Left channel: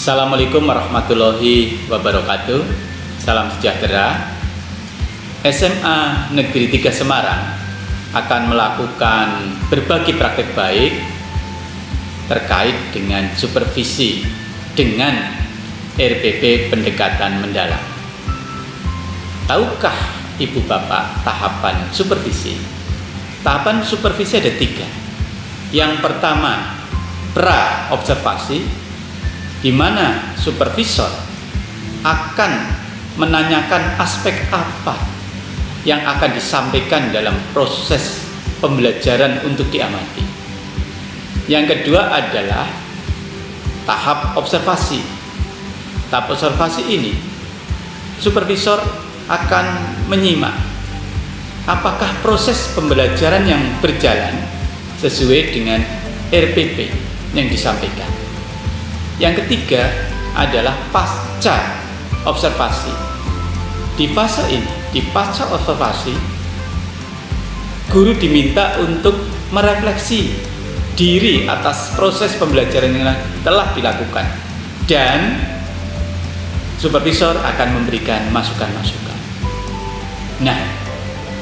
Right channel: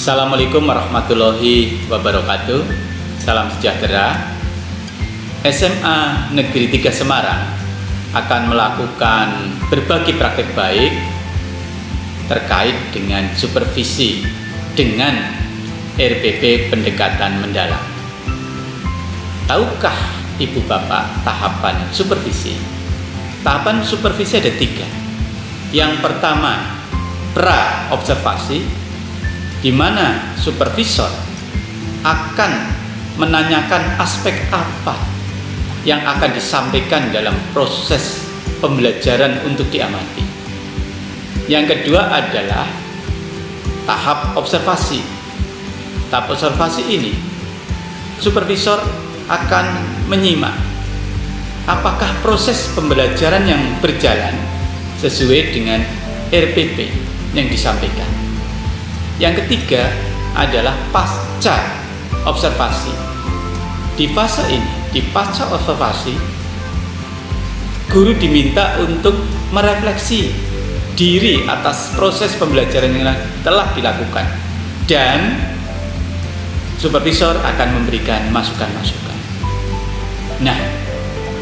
Assalamualaikum warahmatullahi wabarakatuh. Salam sejahtera. SMA Negeri 3 Semarang akan melakukan berbagai praktek baik terkait dengan supervisi dengan RPP pendekatan mendalam. Tahukah Ibu Bapak tahapan supervisi? Tahapan supervisi ada 3. Yang pertama, pra-observasi, di mana supervisor akan menanyakan aspek apa yang akan disampaikan dalam proses pembelajaran untuk diamati. Yang kedua adalah tahap observasi. Tahap observasi ini, supervisor akan menyimak apakah proses pembelajaran yang berjalan sesuai dengan RPP yang disampaikan. Yang ketiga adalah pasca observasi. Di fase ini, di pasca observasi, guru diminta untuk merefleksi diri atas proses pembelajaran yang telah dilakukan dan supervisor akan memberikan masukan-masukan. Nah,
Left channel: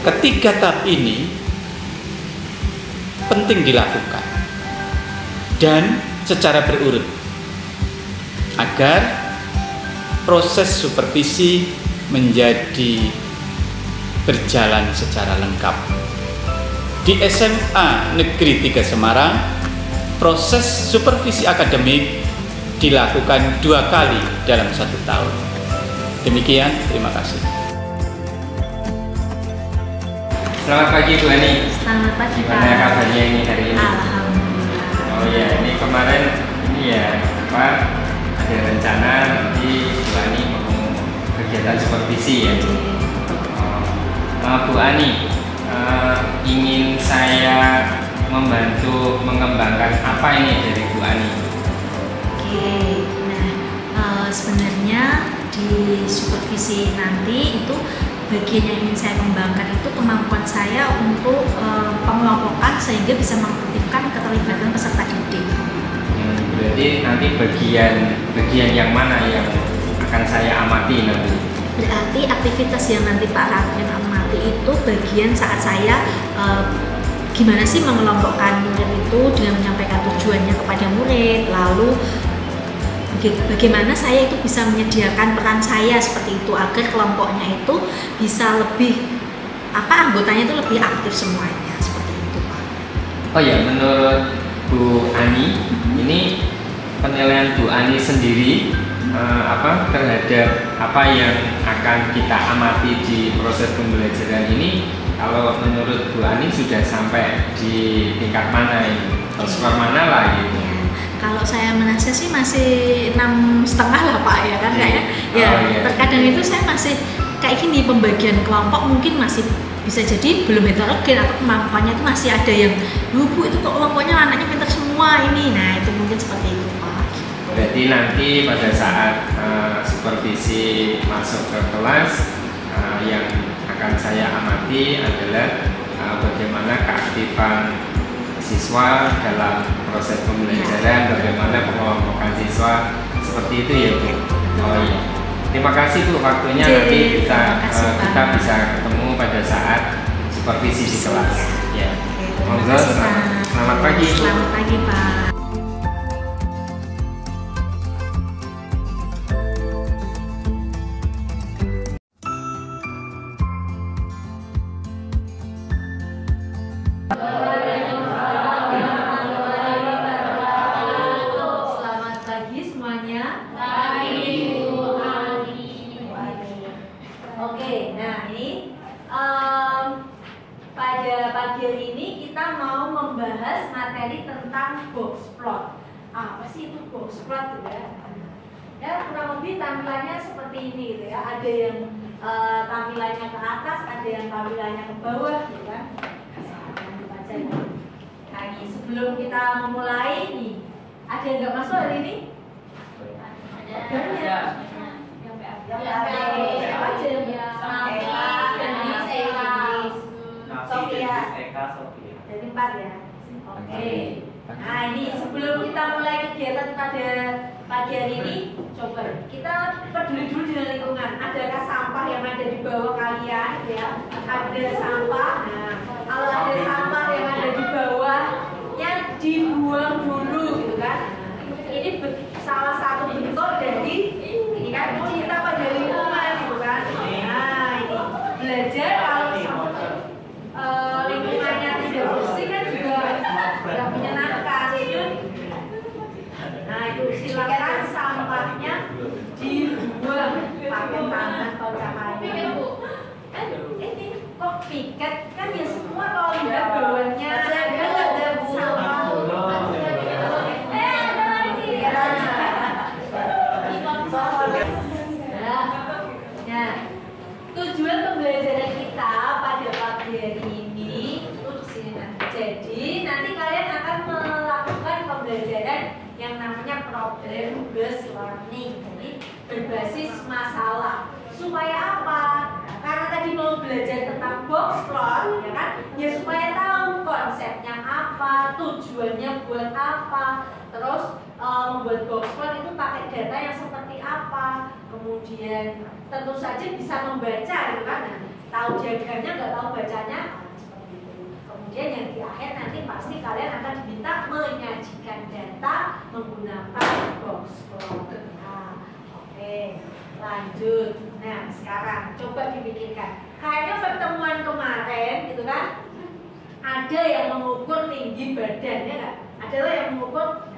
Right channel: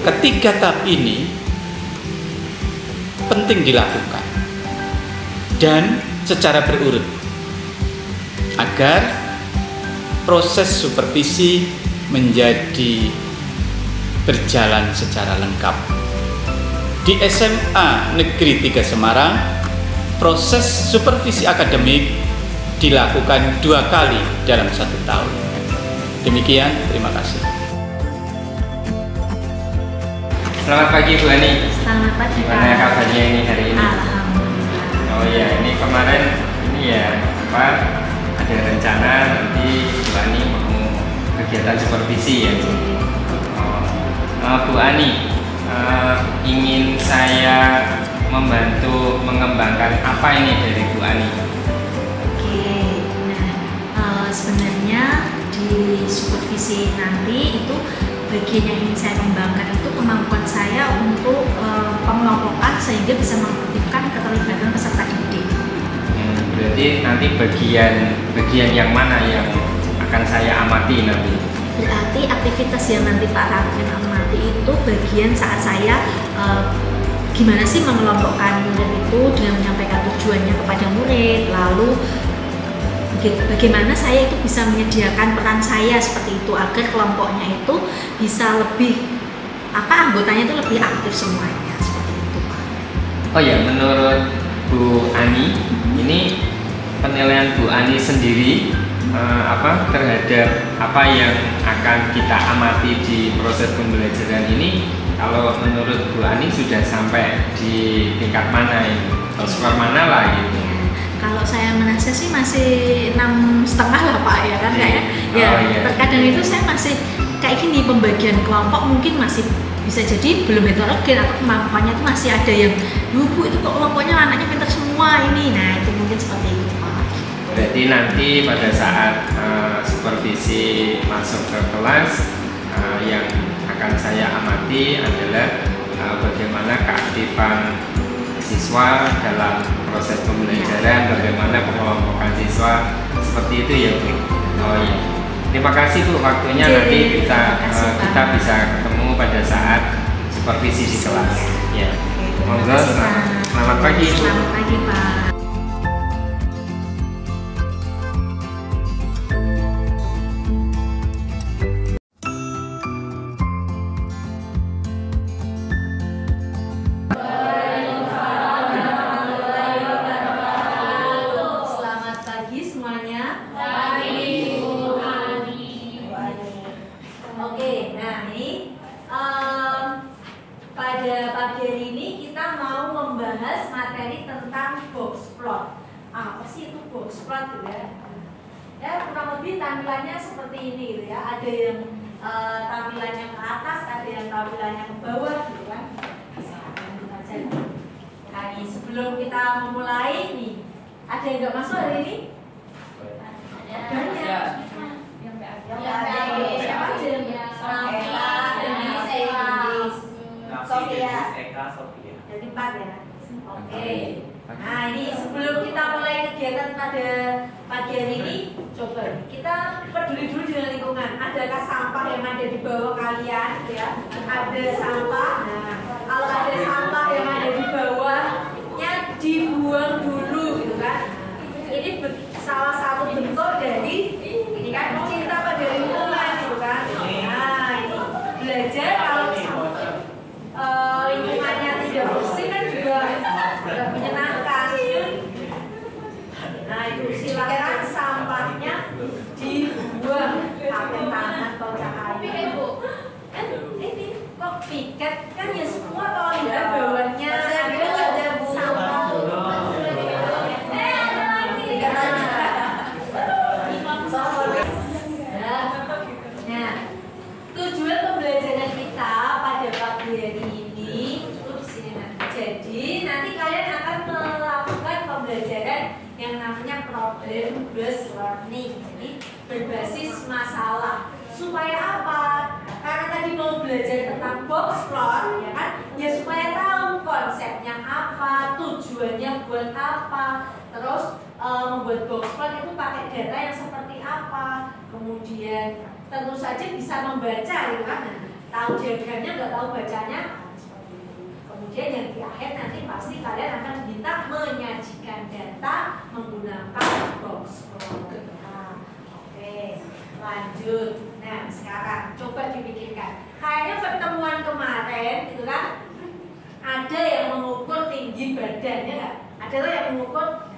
ketiga tahap ini penting dilakukan dan secara berurut agar proses supervisi menjadi berjalan secara lengkap. Di SMA Negeri 3 Semarang, proses supervisi akademik dilakukan 2 kali dalam 1 tahun. Demikian, terima kasih. Selamat pagi Bu Ani. Selamat pagi Pak. Gimana kabarnya ini hari ini? Alhamdulillah. Oh ya, ini kemarin ada rencana nanti Bu Ani mau kegiatan supervisi ya Bu. Bu Ani, ingin saya membantu mengembangkan apa ini dari Bu Ani? Oke, nah sebenarnya di supervisi nanti itu bagian yang ingin saya kembangkan itu kemampuan saya untuk pengelompokan sehingga bisa mengaktifkan keterlibatan peserta didik. Berarti nanti bagian yang mana yang akan saya amati nanti? Berarti aktivitas yang nanti Pak Raden amati itu bagian saat saya gimana sih mengelompokkan murid itu dengan menyampaikan tujuannya kepada murid, lalu bagaimana saya itu bisa menyediakan peran saya seperti itu agar kelompoknya itu bisa lebih anggotanya itu lebih aktif semuanya seperti itu Pak. Oh ya, menurut Bu Ani, ini penilaian Bu Ani sendiri terhadap apa yang akan kita amati di proses pembelajaran ini. Kalau menurut Bu Ani sudah sampai di tingkat mana ini? Skor mana lah gitu? Ya, kalau saya merasa sih masih 6,5 lah Pak ya kan kayak ya terkadang itu saya masih kayak gini, pembagian kelompok mungkin masih bisa jadi belum heterogen atau kemampuannya itu masih ada yang Bu itu kok kelompoknya anaknya pintar semua ini. Nah itu mungkin seperti itu Pak. Berarti nanti pada saat supervisi masuk ke kelas yang akan saya amati adalah bagaimana keaktifan siswa dalam proses pembelajaran, bagaimana pengelompokan siswa, seperti itu ya Bu. Oh iya. Terima kasih Bu waktunya. Nanti kita bisa ketemu pada saat supervisi di kelas. Ya. Monggo, selamat pagi Bu. Selamat pagi Pak. Oke, nah ini pada pagi hari ini kita mau membahas materi tentang box plot. Apa sih itu box plot gitu ya? Ya kurang lebih tampilannya seperti ini gitu ya. Ada yang tampilannya ke atas, ada yang tampilannya ke bawah gitu kan. Lanjut aja. Nah, ini sebelum kita memulai nih, ada yang nggak masuk hari ini? Banyak. Siapa aja yang Sofia. Jadi 4 ya. Oke. Nah ini sebelum kita mulai kegiatan pada pagi hari ini, coba kita peduli dulu dengan lingkungan. Adakah sampah yang ada di bawah kalian? Ya, ada sampah. Nah, kalau ada sampah yang ada di bawahnya dibuang dulu, gitu kan? Ini salah satu bentuk dari ini kan cinta pada lingkungan, gitu kan? Nah ini belajar kalau lingkungannya tidak bersih kan juga nggak menyenangkan. Nah itu silakan sampahnya dibuang pakai tangan atau cahaya. Ini kok piket kan ya semua kalau lihat bawahnya ada sampah. Nah, tujuan pembelajaran kita pada pagi hari ini itu di sini nanti. Jadi nanti kalian akan melakukan pembelajaran yang namanya problem based learning. Jadi berbasis masalah. Supaya apa? Karena tadi mau belajar tentang box plot, ya kan? Ya supaya tahu konsepnya apa, tujuannya buat apa. Terus membuat box plot itu pakai data yang seperti apa. Kemudian tentu saja bisa membaca, ya kan? Nah, tahu diagramnya nggak tahu bacanya, seperti itu. Kemudian yang di akhir nanti pasti kalian akan diminta menyajikan data menggunakan box plot. Nah, oke, lanjut. Nah, sekarang coba dipikirkan. Kayaknya pertemuan kemarin, gitu kan? Ada yang mengukur tinggi badannya nggak? Ada yang mengukur.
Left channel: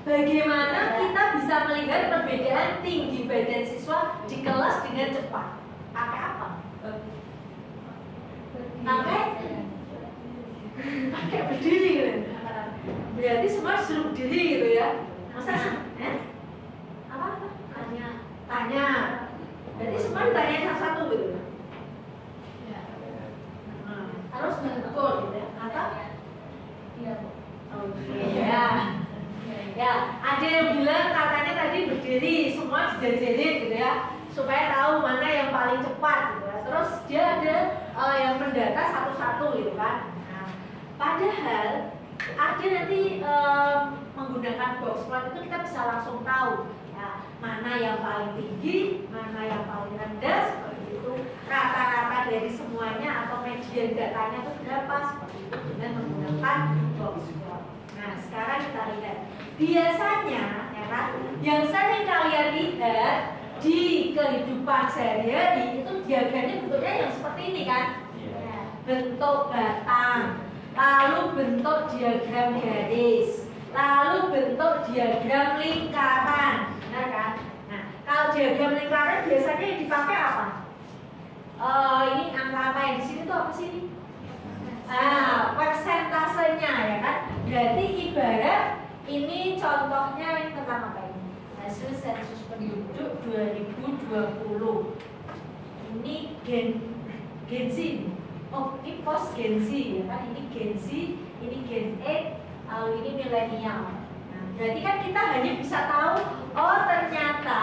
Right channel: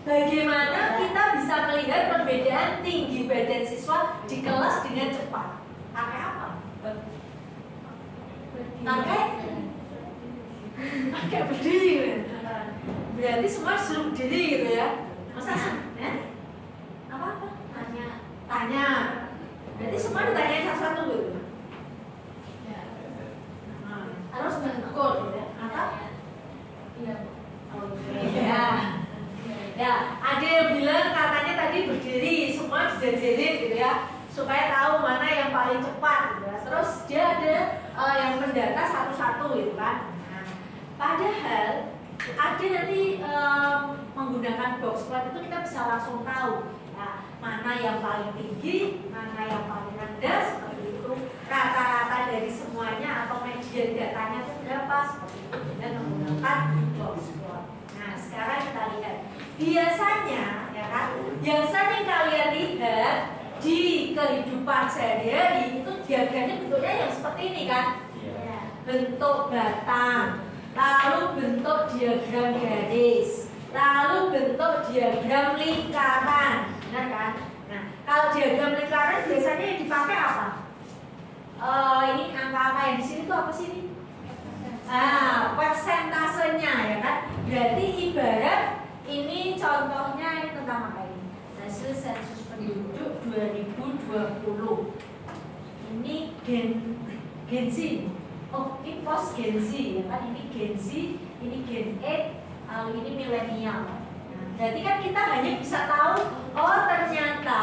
Bagaimana kita bisa melihat perbedaan tinggi badan siswa di kelas dengan cepat? Pakai apa? Pakai berdiri. Berarti semua disuruh berdiri gitu ya? Masa? Apa? Tanya. Berarti semua ditanyain satu-satu gitu. Harus mengukur gitu ya? Atau? Iya. Oke. Ya, ada yang bilang katanya tadi berdiri, semua berdiri gitu ya, supaya tahu mana yang paling cepat gitu ya. Terus dia ada yang mendata satu-satu gitu kan. Nah, padahal ada nanti menggunakan box plot itu kita bisa langsung tahu ya, mana yang paling tinggi, mana yang paling rendah, seperti itu. Rata-rata dari semuanya atau median datanya itu berapa, seperti itu dengan menggunakan box plot. Nah, sekarang kita lihat. Biasanya, ya kan, yang sering kalian lihat di kehidupan sehari-hari itu diagramnya bentuknya yang seperti ini kan? Ya. Bentuk batang, lalu bentuk diagram garis, lalu bentuk diagram lingkaran, benar kan? Nah, kalau diagram lingkaran biasanya yang dipakai apa? Ini angka-angka yang di sini tuh apa sih? Persentasenya, ya kan? Berarti ibarat ini contohnya ini tentang apa ini? Hasil sensus penduduk 2020. Ini Gen Z. Oh, ini post Gen Z ya kan? Ini Gen Z, ini Gen X, lalu ini milenial. Nah, berarti kan kita hanya bisa tahu, oh ternyata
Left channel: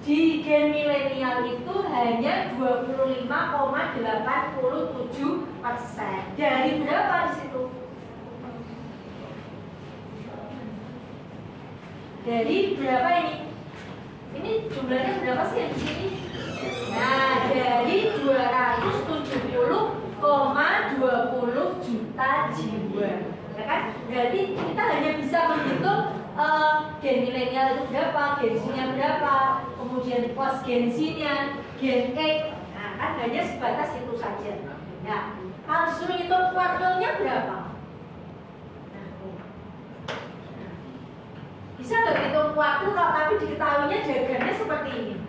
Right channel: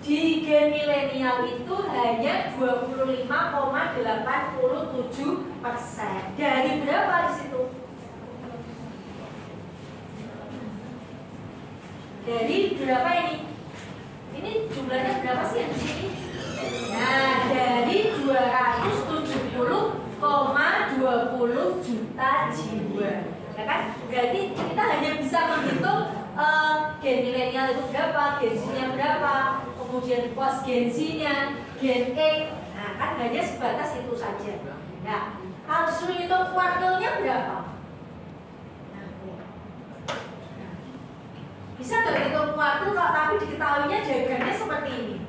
di Gen milenial itu hanya 25,87%. Dari berapa di situ? Dari berapa ini? Ini jumlahnya berapa sih yang di sini? Nah, dari 270,20 juta jiwa, ya kan? Berarti kita hanya bisa menghitung gen milenial itu berapa, gen Z-nya berapa, kemudian post gen Z-nya, gen X. Nah, kan hanya sebatas itu saja. Ya, kalau disuruh hitung kuartilnya berapa? Bisa nggak hitung kuartil kalau tapi diketahuinya diagramnya seperti ini?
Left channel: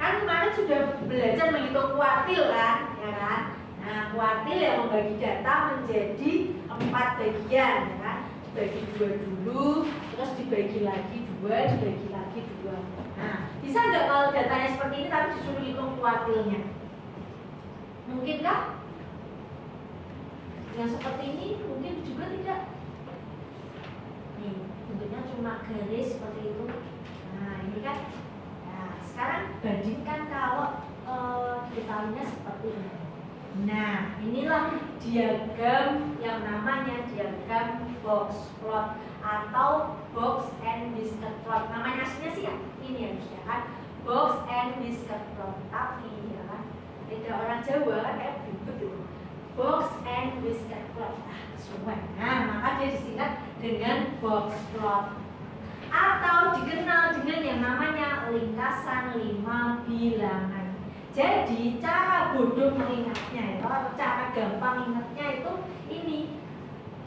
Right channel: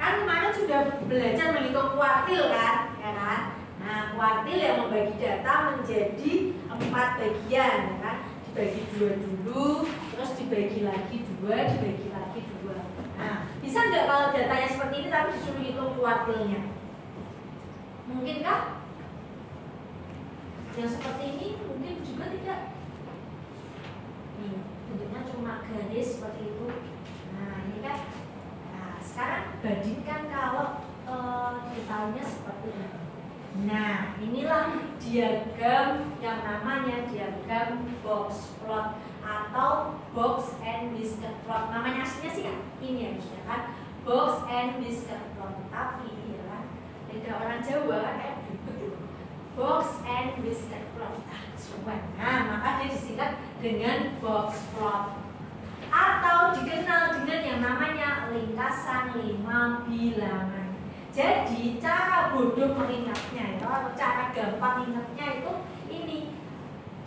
Kan kemarin sudah belajar menghitung kuartil kan, ya kan? Nah, kuartil yang membagi data menjadi 4 bagian, ya kan? Dibagi 2 dulu, terus dibagi lagi 2, dibagi lagi 2. Nah, bisa nggak kalau datanya seperti ini tapi disuruh hitung kuartilnya? Mungkinkah? Yang seperti ini mungkin juga tidak. Nih, bentuknya cuma garis seperti itu. Nah, ini kan. Nah, sekarang bandingkan kalau detailnya seperti ini. Nah, inilah diagram yang namanya diagram box plot atau box and whisker plot. Namanya aslinya sih ya ini harusnya kan, box and whisker plot. Tapi ya kan beda orang Jawa kan kayak ribet gitu. Box and whisker plot. Nah, maka dia disingkat dengan box plot atau dikenal dengan yang namanya lingkasan 5 bilangan. Jadi cara bodoh mengingatnya itu, cara gampang ingatnya itu ini.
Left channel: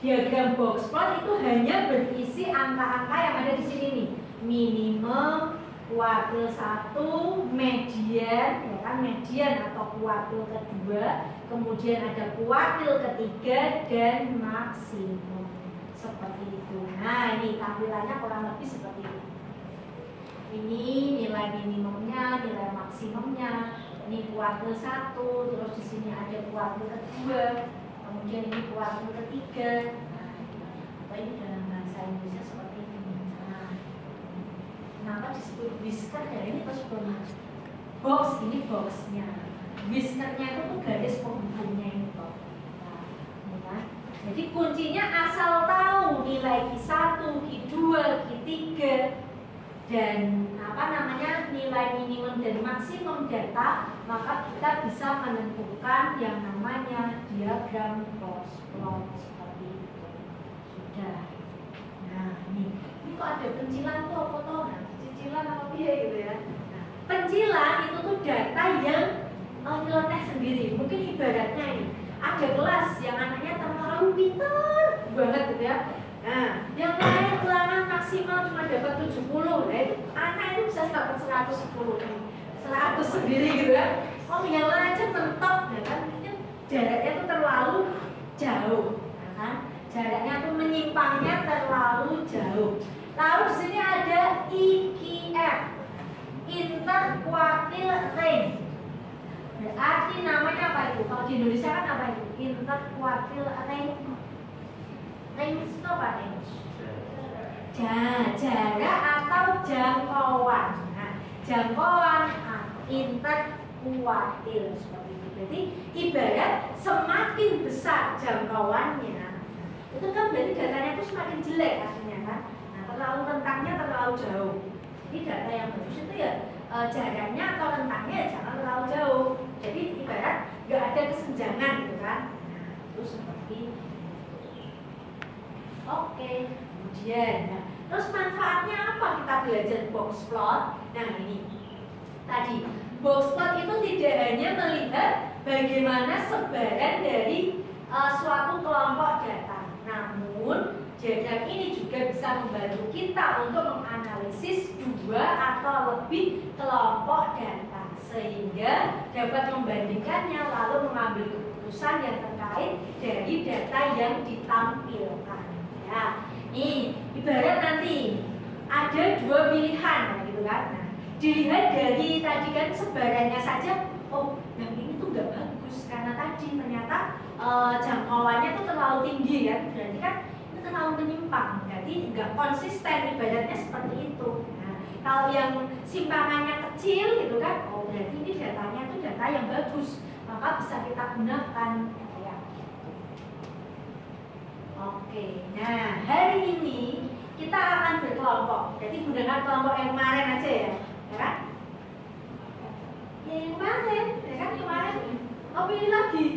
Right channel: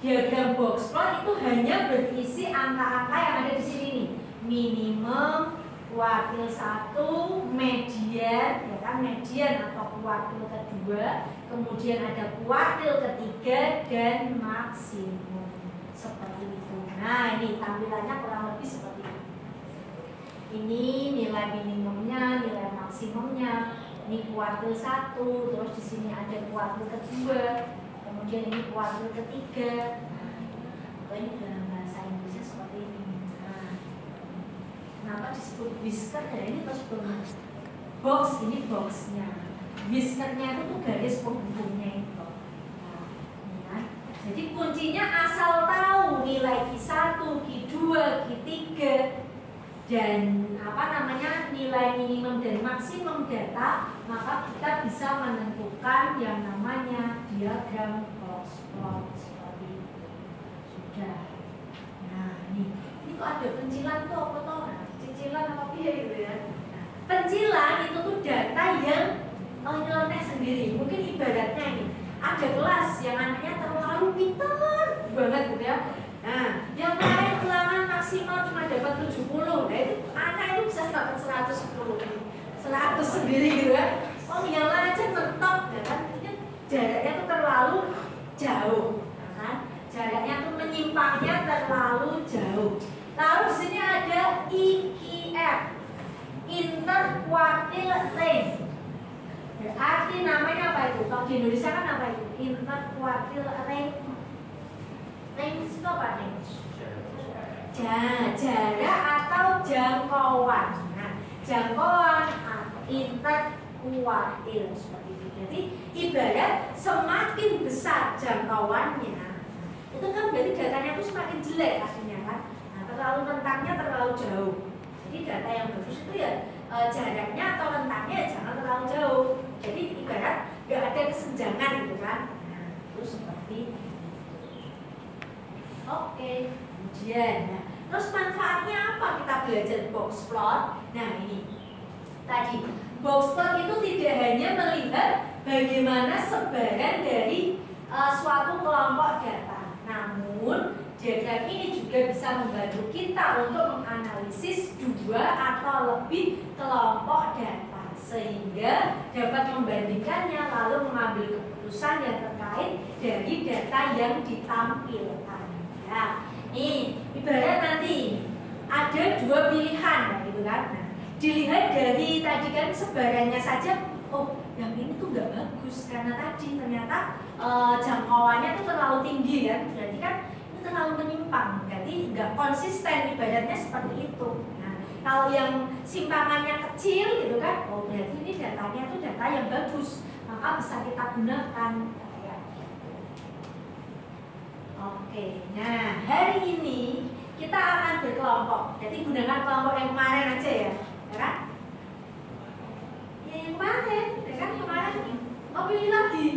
Diagram box plot itu hanya berisi angka-angka yang ada di sini nih. Minimum, kuartil 1, median, ya kan, median atau kuartil kedua, kemudian ada kuartil ketiga dan maksimum. Seperti itu. Nah, ini tampilannya kurang lebih seperti ini. Ini nilai minimumnya, nilai maksimumnya. Ini kuartil 1, terus di sini ada kuartil kedua, kemudian ini kuartil ketiga. Nah, ini dalam bahasa Indonesia seperti ini. Nah, kenapa disebut whisker ya? Ini pas box, ini boxnya. Whiskernya itu tuh garis penghubungnya itu. Nah, ini kan. Jadi kuncinya asal tahu nilai Q1, Q2, Q3 dan apa namanya nilai minimum dan maksimum data, maka kita bisa menentukan yang namanya diagram box plot seperti itu. Sudah. Nah, ini kok ada pencilan tuh apa toh? Cicilan apa piye gitu ya. Nah, pencilan itu tuh data yang nyeleneh sendiri. Mungkin ibaratnya ini ada kelas yang anaknya terlalu pintar banget gitu ya. Nah, yang lain ulangan maksimal cuma dapat 70. Nah, itu anak itu bisa dapat 110 nih. 100 sendiri gitu ya. Oh, yang lain aja mentok ya kan. Jaraknya itu terlalu jauh. Nah, kan? Jaraknya itu menyimpangnya terlalu jauh. Lalu di sini ada IQF, interquartile range. Berarti namanya apa itu? Kalau di Indonesia kan apa itu? Interquartile range. Range itu apa range? Jarak atau jangkauan. Nah, jangkauan interquartile seperti itu. Jadi ibarat semakin besar jangkauannya, itu kan berarti datanya itu semakin jelek aslinya kan. Nah, terlalu rentangnya terlalu jauh. Jadi data yang bagus itu ya jaraknya atau rentangnya ya jangan terlalu jauh. Jadi ibarat nggak ada kesenjangan gitu kan. Nah, itu seperti itu. Oke, kemudian nah, terus manfaatnya apa kita belajar box plot? Nah, ini tadi box plot itu tidak hanya melihat bagaimana sebaran dari suatu kelompok data, namun diagram ini juga bisa membantu kita untuk menganalisis 2 atau lebih kelompok data sehingga dapat membandingkannya lalu mengambil keputusan yang terkait dari data yang ditampilkan. Ya, nih ibarat nanti ada 2 pilihan gitu kan. Nah, dilihat dari tadi kan sebarannya saja, oh yang ini tuh nggak bagus karena tadi ternyata jangkauannya tuh terlalu tinggi kan, berarti kan itu terlalu menyimpang, jadi nggak konsisten, ibaratnya seperti itu. Nah, kalau yang simpangannya kecil gitu kan, oh berarti ini datanya tuh data yang bagus, maka bisa kita gunakan. Oke, nah hari ini kita akan berkelompok. Jadi gunakan kelompok yang kemarin aja ya kan? Yang kemarin, ya kan kemarin. Oh pilih lagi.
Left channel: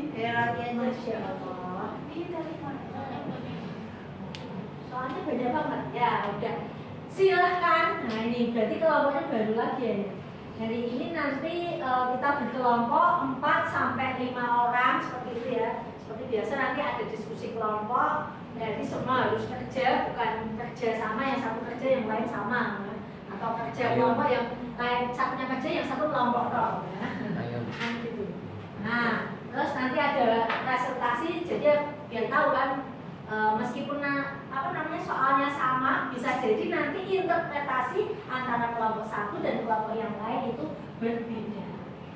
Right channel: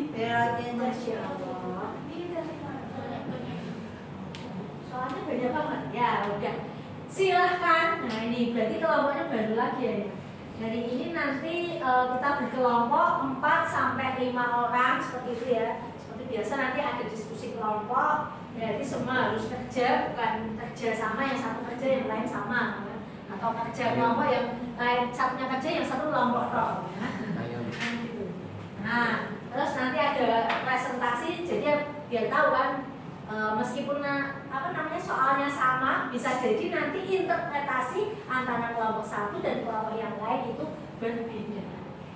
Masya Allah. Ini dari mana? Soalnya beda banget. Ya udah. Silahkan. Nah ini berarti kelompoknya baru lagi ya. Hari ini nanti kita berkelompok 4 sampai 5 orang seperti itu ya. Seperti biasa nanti ada diskusi kelompok, berarti semua harus kerja, bukan kerja sama yang satu kerja yang lain sama, ya. Atau kerja kelompok yang lain satunya kerja yang satu kelompok toh. Ya. Gitu. Nah, terus nanti ada presentasi, jadi biar tahu kan, meskipun apa namanya soalnya sama, bisa jadi nanti interpretasi antara kelompok satu dan kelompok yang lain itu berbeda.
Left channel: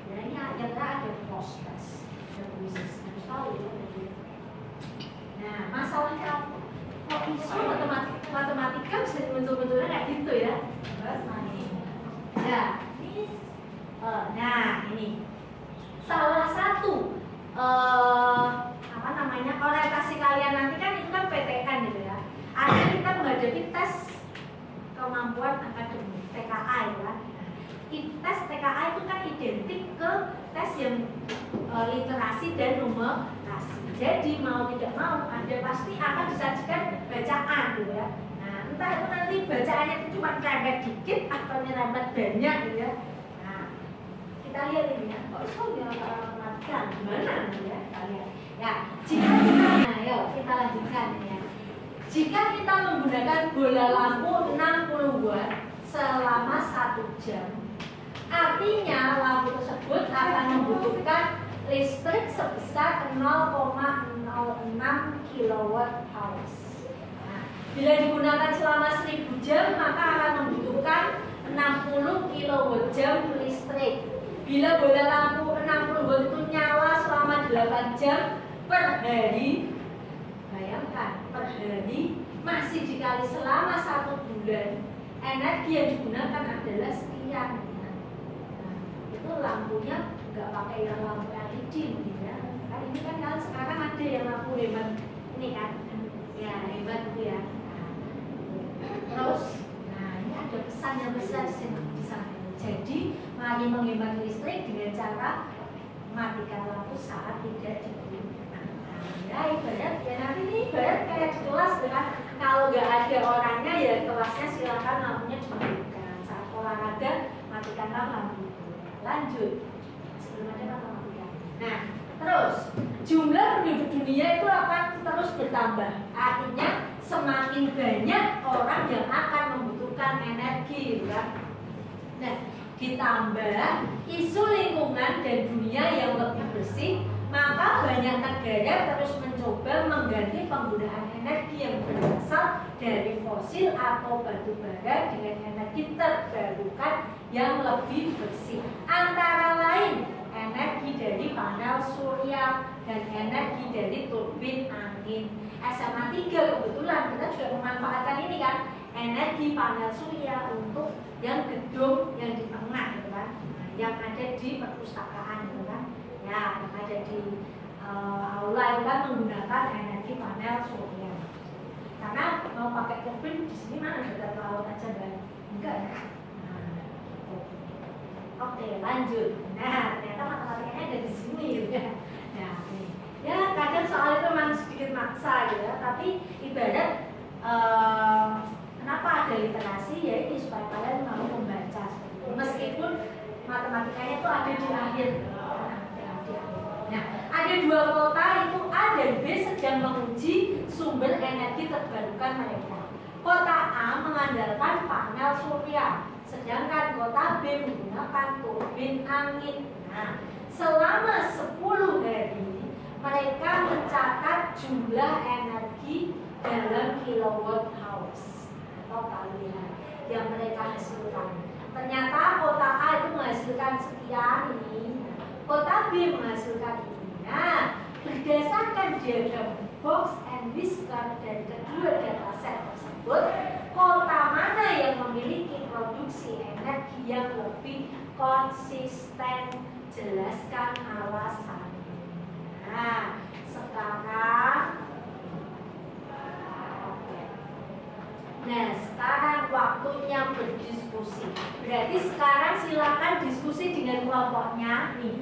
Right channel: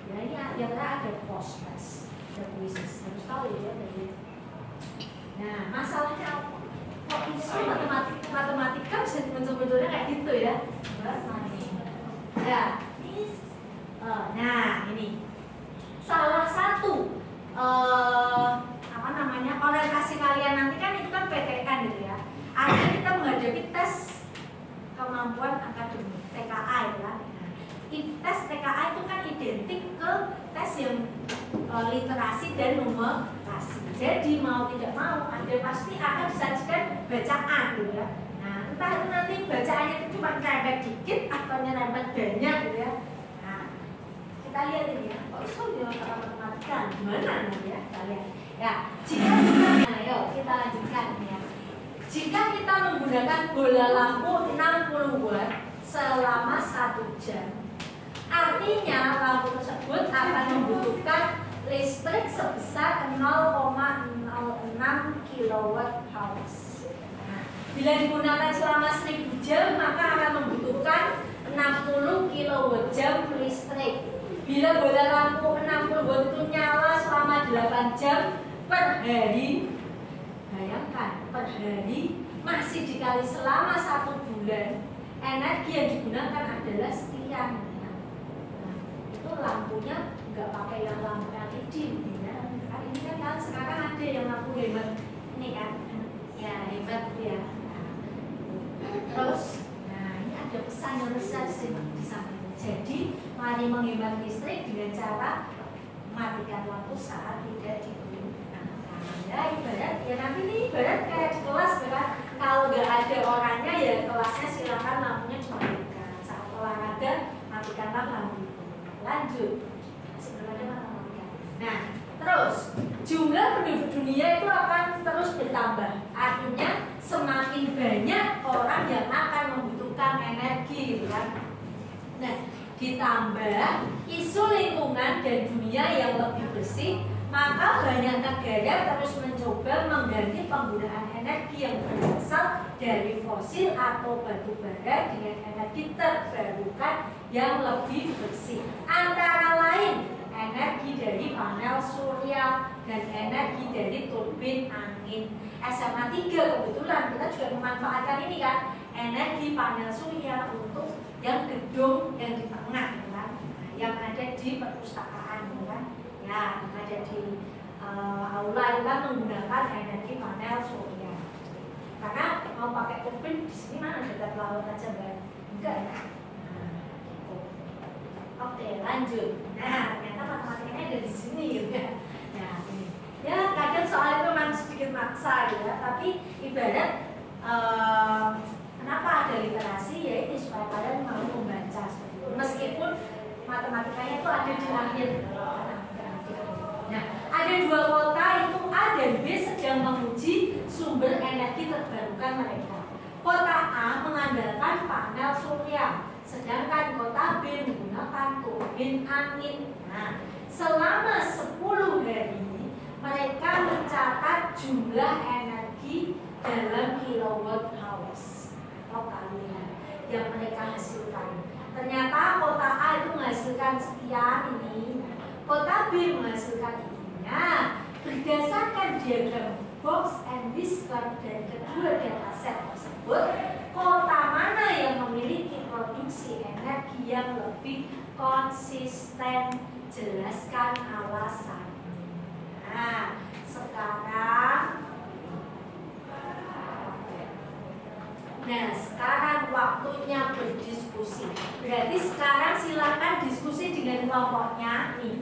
Ya ini akhirnya ada post test, ada quizzes, harus tahu ya. Nah, masalahnya apa? Kok bisa matematika bisa muncul-munculnya kayak gitu ya? Ya, nah ini salah satu apa namanya orientasi kalian nanti kan itu kan PTN gitu ya. Artinya kita menghadapi identik ke tes yang literasi dan numerasi. Jadi mau tidak mau Anda pasti akan disajikan bacaan gitu ya. Nah, entah itu nanti bacaannya itu cuma nyerempet dikit atau nyerempet banyak gitu ya. Nah, kita lihat ini ya. Kok iso dia matematika gimana gitu ya? Kita lihat. Ya, jika ayo kita lanjutkan ya. Jika kita menggunakan bola lampu 60 watt selama 1 jam, artinya lampu tersebut akan membutuhkan listrik sebesar 0,06 kWh. Nah, bila digunakan selama 1000 jam, maka akan membutuhkan 60 kWh listrik. Bila bola lampu 60 watt itu nyala selama 8 jam per hari, bayangkan per hari masih dikali selama 1 bulan, energi yang digunakan adalah sekian. Nah, itu lampunya nggak pakai yang lampu LED ya. Kan ini kan sekarang ada yang lampu hemat ini kan, ya hemat ya. Terus, nah ini ada pesan yang besar di samping. Jadi mari menghemat listrik dengan cara matikan lampu saat tidak digunakan. Ya ibarat ya nanti ini ibarat kayak di kelas kan. Kalau nggak ada orangnya ya kelasnya silakan lampunya dimatikan. Saat olahraga matikanlah lampu itu. Lanjut. Nah, terus jumlah penduduk dunia itu akan terus bertambah. Artinya semakin banyak orang yang akan membutuhkan energi, gitu kan? Nah, ditambah isu lingkungan dan dunia yang lebih bersih, maka banyak negara terus mencoba mengganti penggunaan energi yang berasal dari fosil atau batu bara dengan energi terbarukan yang lebih bersih. Antara lain energi dari panel surya dan energi dari turbin angin. SMA 3 kebetulan kita juga memanfaatkan ini kan, energi panel surya untuk yang gedung yang di tengah gitu kan, yang ada di perpustakaan gitu kan, ya yang ada di aula itu kan menggunakan energi panel surya. Karena mau pakai turbin di sini mana dekat laut aja enggak ya? Oke, lanjut. Nah, ternyata matematikanya ada di sini gitu ya. Nah, ya kadang soal itu memang sedikit maksa gitu ya. Tapi ibarat kenapa ada literasi ya ini supaya kalian mau membaca seperti itu. Meskipun matematikanya itu ada di akhir. Nah, ada 2 kota itu A dan B sedang menguji sumber energi terbarukan mereka. Kota A mengandalkan panel surya, sedangkan kota B menggunakan turbin angin. Nah, selama 10 hari mereka mencatat jumlah energi dalam kilowatt hours atau kalian yang mereka hasilkan. Ternyata kota A itu menghasilkan sekian ini, kota B menghasilkan ini. Nah, berdasarkan diagram box and whisker dari kedua dataset tersebut, kota mana yang memiliki produksi energi yang lebih konsisten? Jelaskan alasannya. Nah, sekarang waktunya berdiskusi. Berarti sekarang silakan diskusi dengan kelompoknya nih.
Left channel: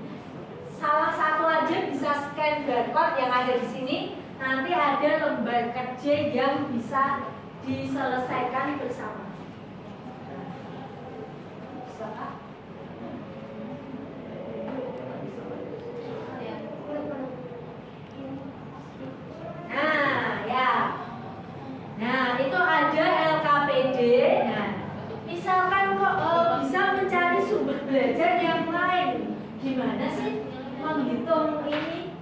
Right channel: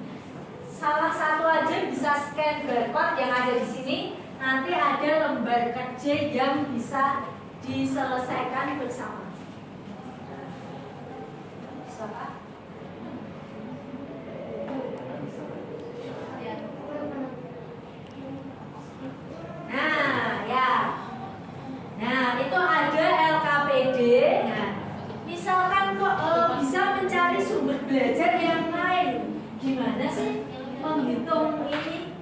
Salah satu aja bisa scan barcode yang ada di sini. Nanti ada lembar kerja yang bisa diselesaikan bersama. Bisa Pak? Nah, ya. Nah, itu ada LKPD. Nah, misalkan kok bisa mencari sumber belajar yang lain. Gimana sih menghitung ini?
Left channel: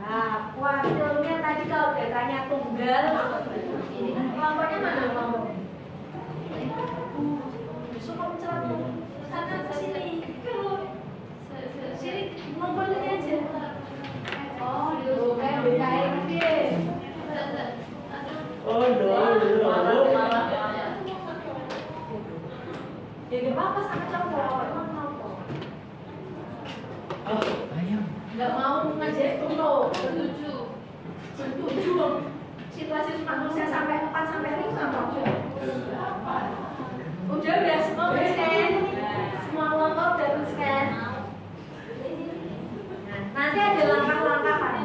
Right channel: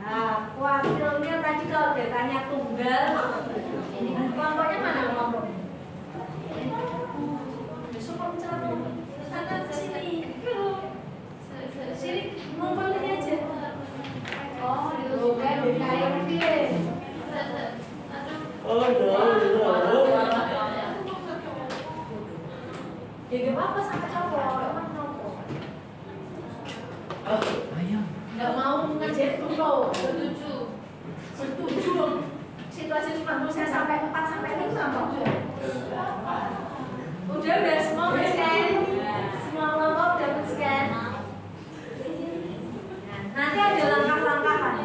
Nah, kuartilnya tadi kalau datanya tunggal, ini kelompoknya mana kelompoknya? Besok kamu cerita sana sini, sini ngumpul aja. Oh, kan bedain deh. Oh, Ya gak apa-apa sama cowok, emang cowok. Nggak mau ngajar dulu, setuju. Situasi cuma saya sampai 4 sampai 5 kok. Udah semua scan, semua kelompok udah scan. nanti ada langkah-langkah kan.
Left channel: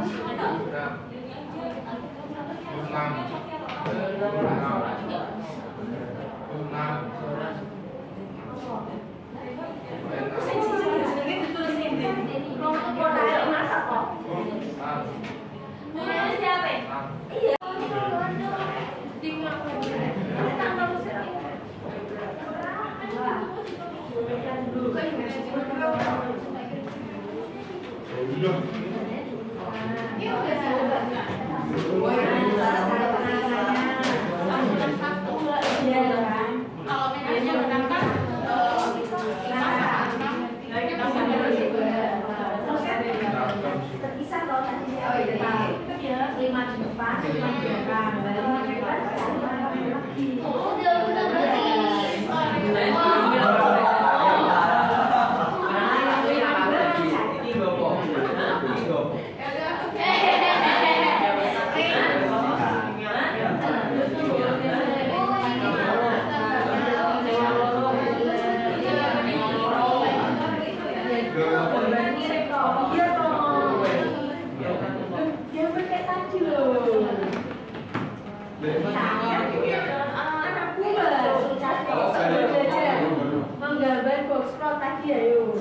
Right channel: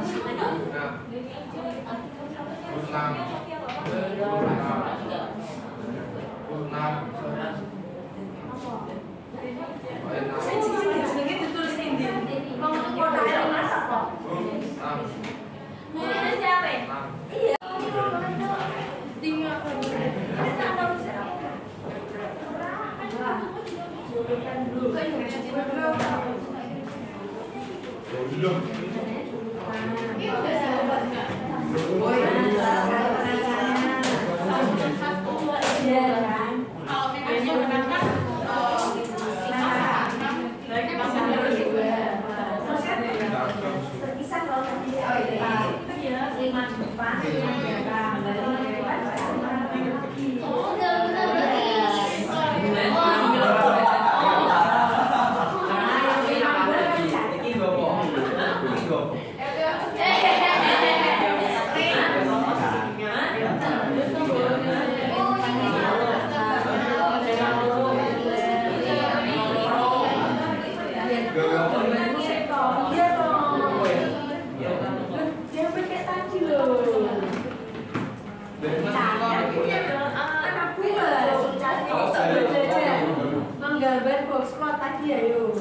Menggambar box plot tadi ya yuk.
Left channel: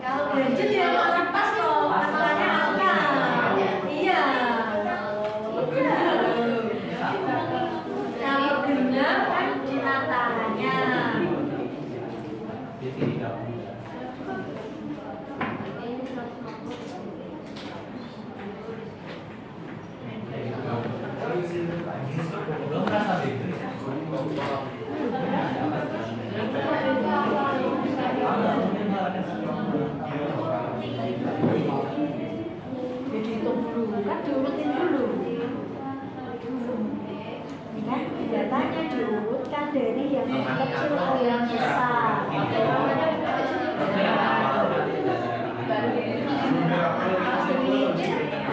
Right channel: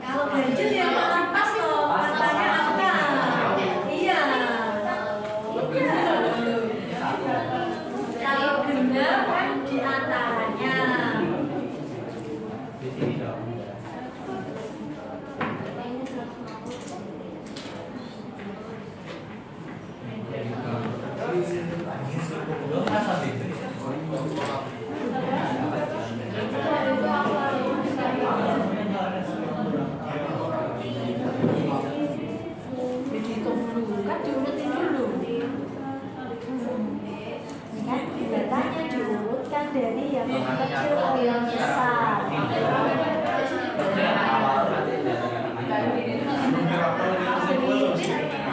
Kalau ganjil ya pas loh, katanya apa? Iya. Kalau genap kan di antaranya. Dihitung dulu, kan diurutin dulu. Kan datanya diurutkan dari yang kecil ke yang besar.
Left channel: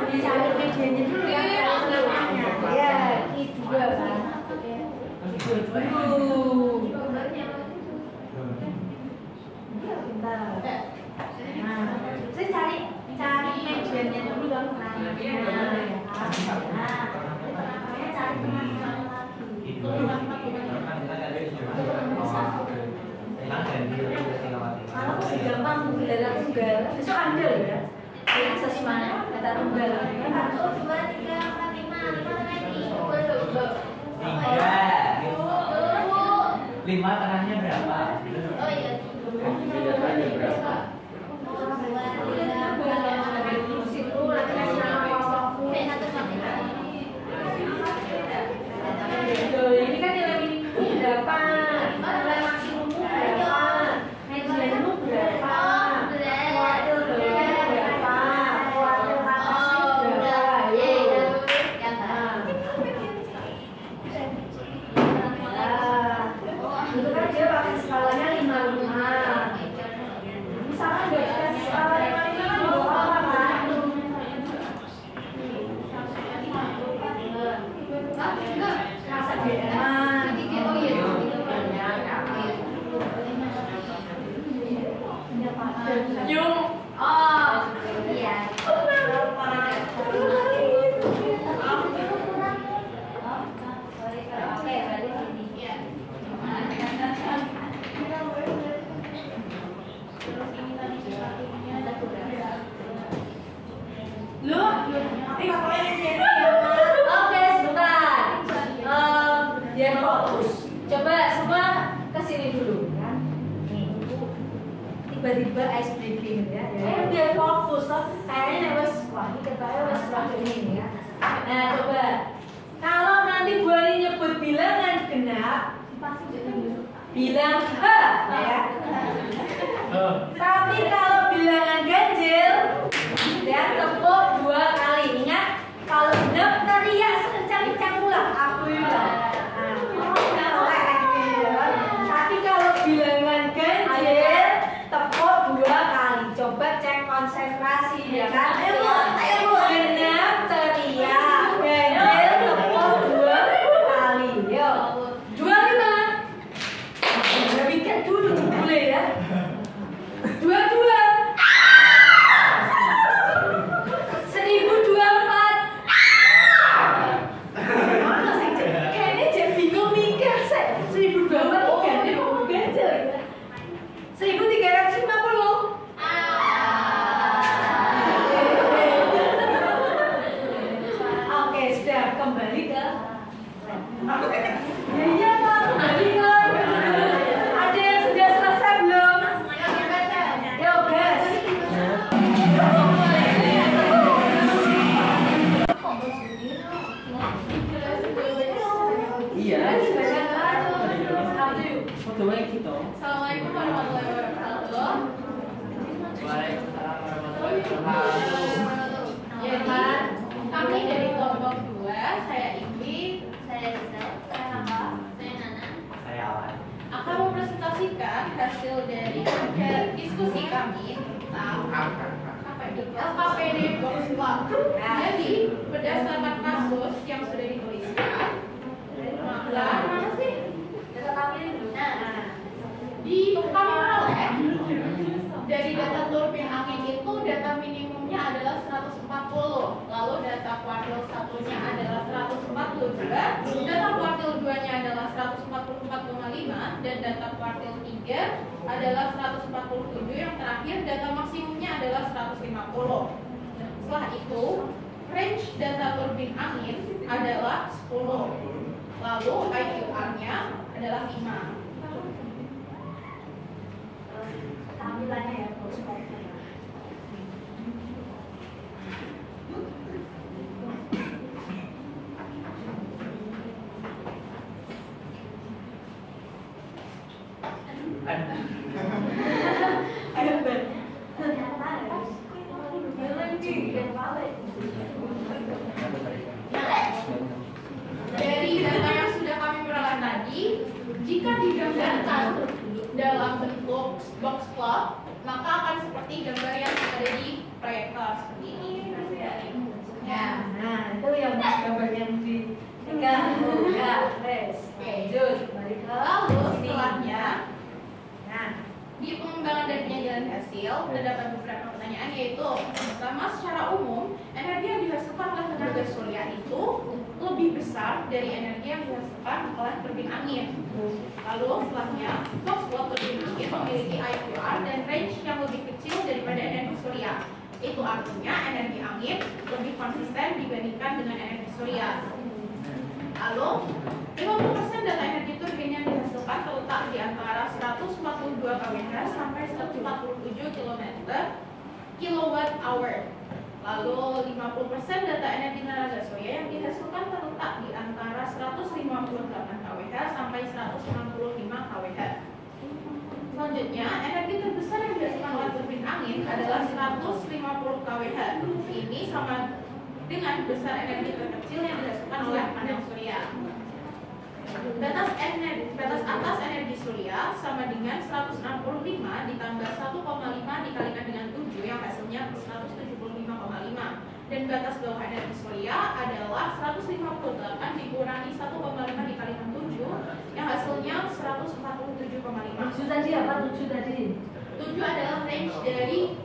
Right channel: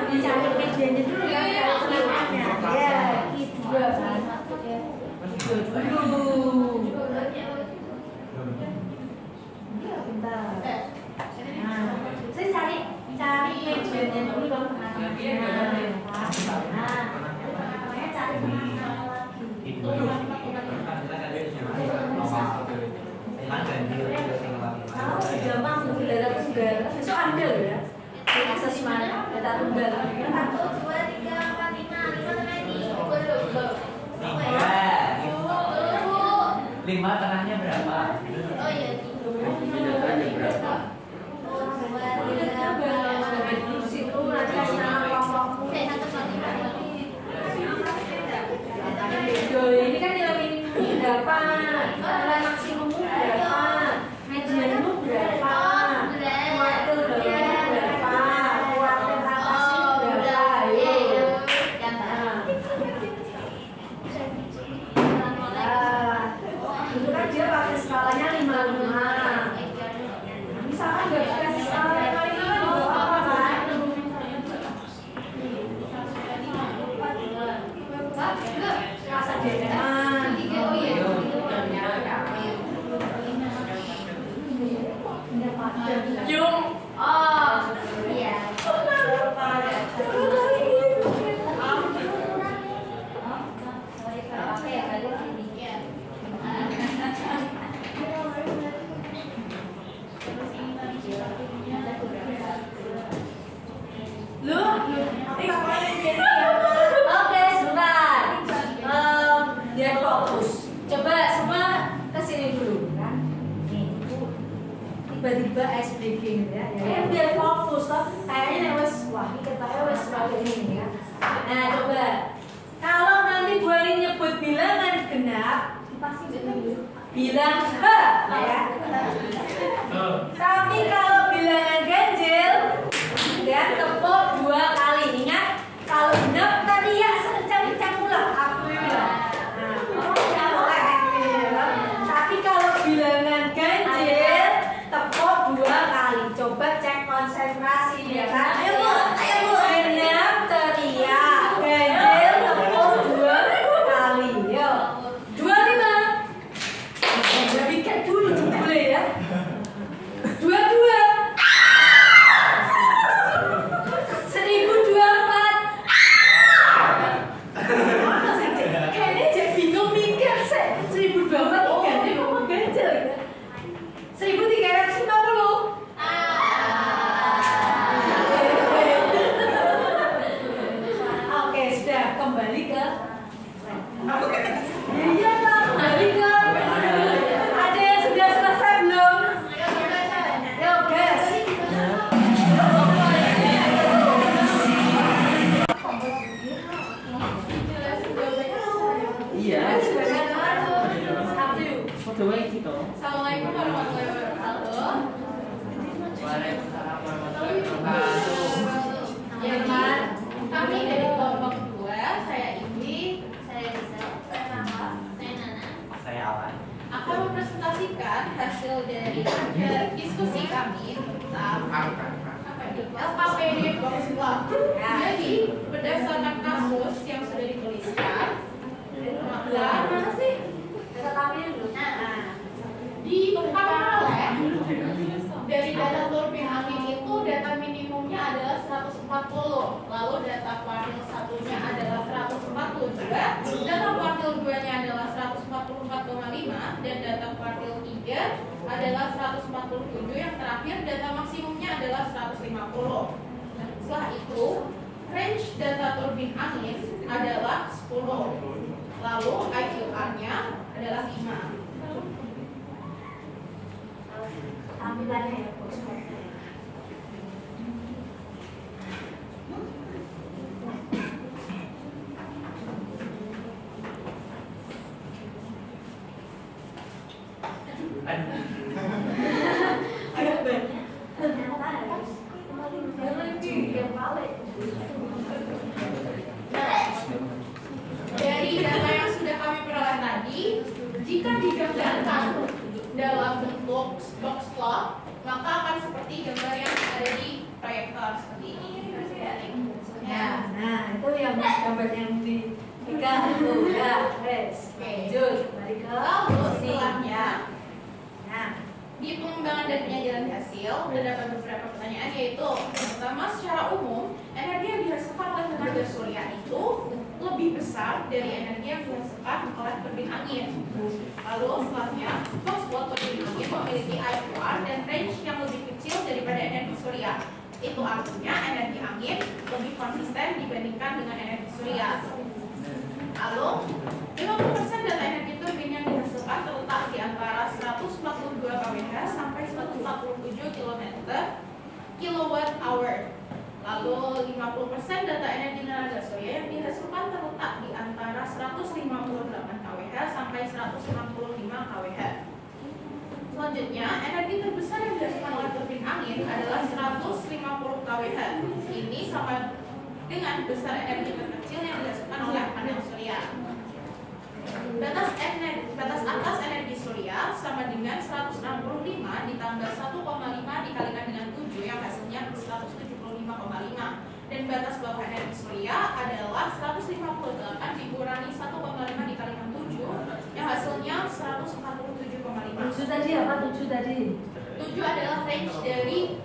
Dicari medianya dulu kan, kalau tengahnya. Ya, I2 kan. I2 dulu. Bentar. Nah, saya cari medianya dulu dong, tengah-tengahnya. Nah, namanya cari tengah-tengah lagi. Kalau masih gampang data tunggal, besok ambil ya. Asesmen data tunggal. 1, 2, 3, 4, 5 tengahnya berapa? Oh iya. Datanya berapa? Ini kan nilai minimum berapa, nilai maksimum berapa, median berapa, kuartil bawahnya berapa, kuartil atasnya berapa, ayo. Itu kan dia pakai skalanya 5-5. Misalkan nggak pakai skala 5-5 kan juga apa kan? Rasa jereman. Yung. Oh, iya. Oke, sebentar. Biar fokus. Coba semua kesini dulu kan. Nih, tiba-tiba ice breaking ya. Biar fokus toh. Kayaknya wes wah ini ketanya wes sebagai ini ya. Nah, coba. Kalau nanti Bu Ari nyebut bilangan genap, pasti bilang he ya. Tapi kalau bilangan ganjil dan tepuk 2 kali. Ingat, kalau genap teriak sekencang-kencang pula aku bilang. Tapi kalau bilangan ganjil tepuk 2 kali. Coba cek konsentrasi ya kan. Ayo genap teriak, ganjil tepuk 2 kali. Yuk. 1023 jadi mau ganjel ya. 1350. Oke, sudah kembali ke iya Pak, kembali ke ada yang sudah selesai belum? Ya guys. Iya. Foto baik gitu. Assalamualaikum warahmatullahi wabarakatuh. Waalaikumsalam warahmatullahi wabarakatuh. Jadi kami dari kelompok 2, saya Ibli, saya Rizal, saya Nana, saya Nana, Saya Alan. akan mempresentasikan hasil dari diskusi kami tentang LKPD Box Plot. Jadi berdasarkan kasus yang sudah dituliskan, dan mana sih? Ditemukan oleh dari data turbin angin itu data minimumnya adalah 140, lalu data kuartil satunya adalah 140 juga, data kuartil 2-nya adalah 144,5 dan data kuartil 3 adalah 147, yang terakhir data maksimumnya adalah 150. Setelah itu range data turbin angin adalah 10, lalu IQR-nya adalah 5. Tampilannya ya box plotnya. Dari data yang sudah kami peroleh tadi, jika digambarkan dalam bentuk box plot, maka akan seperti gambar yang ada di proyektor seperti ini. Ya. Nah, itu yang gambar yang dipegang itu ya, wes. Lanjut, balik ke Lalu sini. setelahnya, Nah, di pengembangan dan penyajian hasil terdapat beberapa pertanyaan, yaitu pertama, secara umum energi yang dihasilkan oleh tenaga surya itu lebih besar dari energi yang dihasilkan oleh turbin angin. Lalu setelahnya, box plot turbin angin memiliki IQR dan range yang lebih kecil daripada energi surya. Itu artinya energi angin lebih konsisten dibandingkan dengan energi surya. Lalu 50% data energi turbin yang dihasilkan terletak di antara 142 kWh sampai 147 kWh. Lalu 50% data energi tenaga surya yang dihasilkan terletak di antara 158 kWh sampai 165 kWh. Selanjutnya, energi terbesar yang dihasilkan oleh turbin angin adalah 150 kWh. Ini sama dengan besar energi terkecil yang dihasilkan oleh panel surya. Batas atas energi surya sama dengan 165 ditambah 1,5 dikalikan dengan 7 yang hasilnya 175,5. Dan batas bawah energi surya adalah 158 dikurangi 1,5 dikalikan 7 yang hasilnya 147,5. 7 tadi apa? 7 tadi. 7 adalah range dari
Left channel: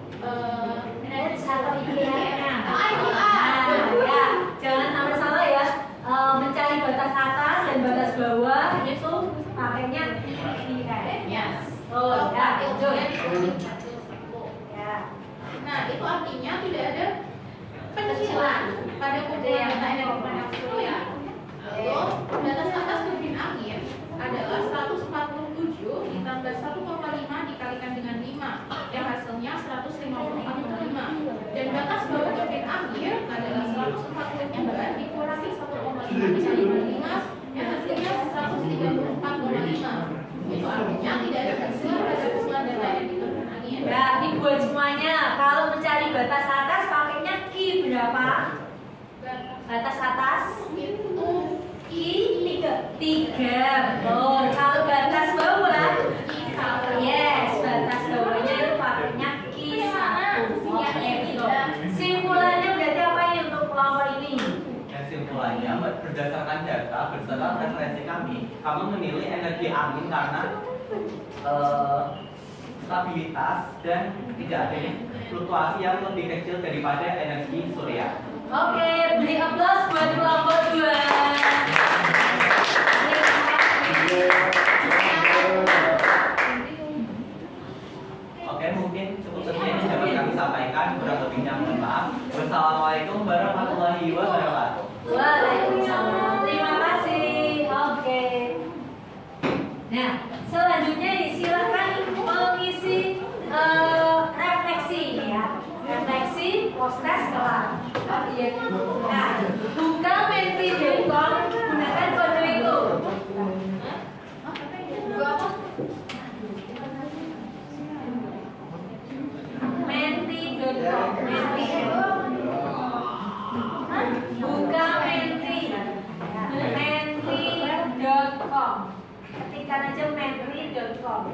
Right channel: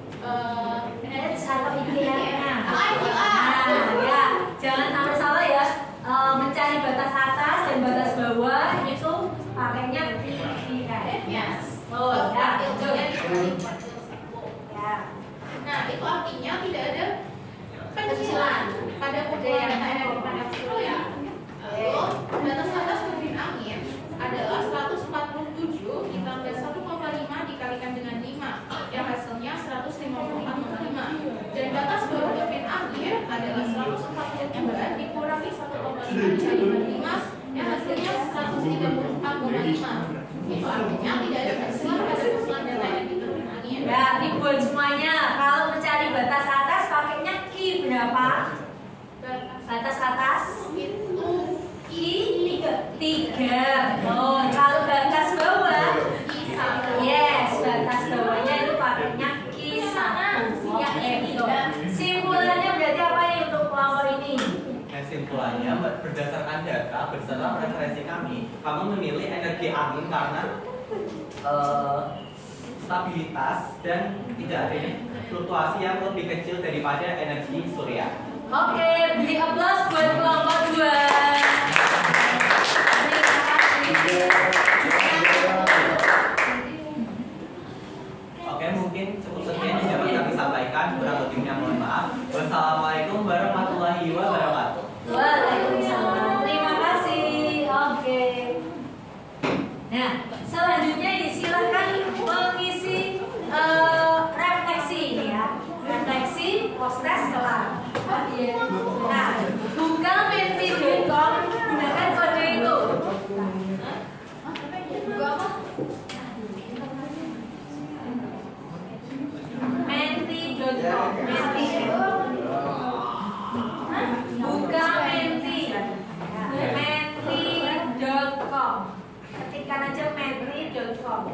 energi Apa IQR-nya? IQR. Ya, jangan sampai salah ya. Mencari batas atas dan batas bawah itu pakainya IQR. Yes. Oh, ya, betul. Ya. Nah, itu artinya tidak ada penyicilan pada kumpulan data energi panel surya. Lalu batas atas turbin angin adalah 147 ditambah 1,5 dikalikan dengan 5 yang hasilnya 154,5. Dan batas bawah turbin angin adalah 142 dikurangi 1,5 dikalikan 5 yang hasilnya 134,5. Itu artinya tidak ada penyicilan pada kumpulan data energi turbin angin. Ya, dibuat semuanya. Kalau mencari batas atas pakainya I berapa? Batas atas Itu I 3. Oh, kalau batas bawah yes, batas bawahnya itu pakainya Q1. Oh, ya, betul. Simpulannya berarti apa ya untuk kelompok ini? Kesimpulannya, berdasarkan data beserta preferensi kami memilih energi angin karena stabilitas dan tidak adanya fluktuasi yang lebih kecil daripada energi surya. Oke, beri aplaus buat kelompok 2. Terima kasih. Oke, mungkin cukup sekian yang dapat kami sampaikan. Kurang lebihnya mohon maaf. Wassalamualaikum warahmatullahi wabarakatuh. Waalaikumsalam. Terima kasih. Oke. Nah, selanjutnya silakan mengisi refleksi ini ya. Refleksi post-test kelar. Nah, buka menti.com, gunakan kode itu. Menti.com, buka menti.com, ketikkan aja menti.com.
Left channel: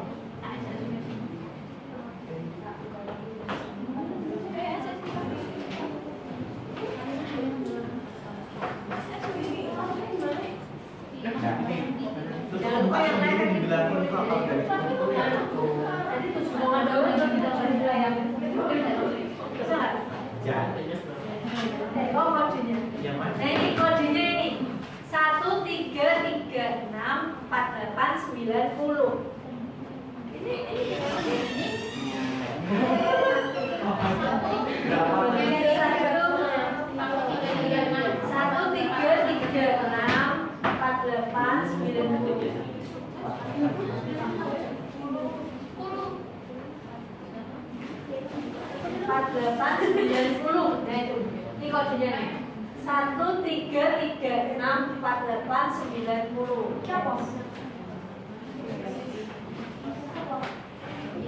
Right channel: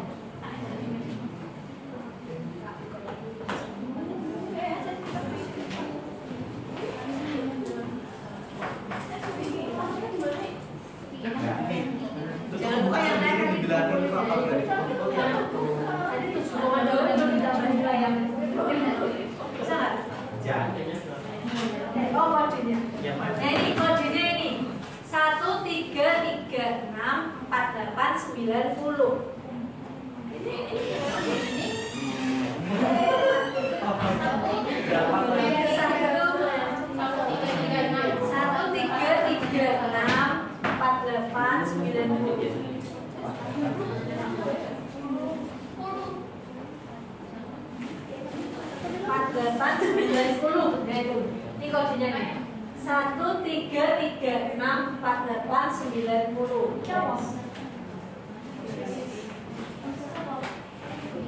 Jangan lupa yang lain tadi. Tadi tuh semua daun itu kita bagi yang bisa nggak? Oh kodenya. Nah ini kodenya ini 133648910. Ini kodenya nih 133648910.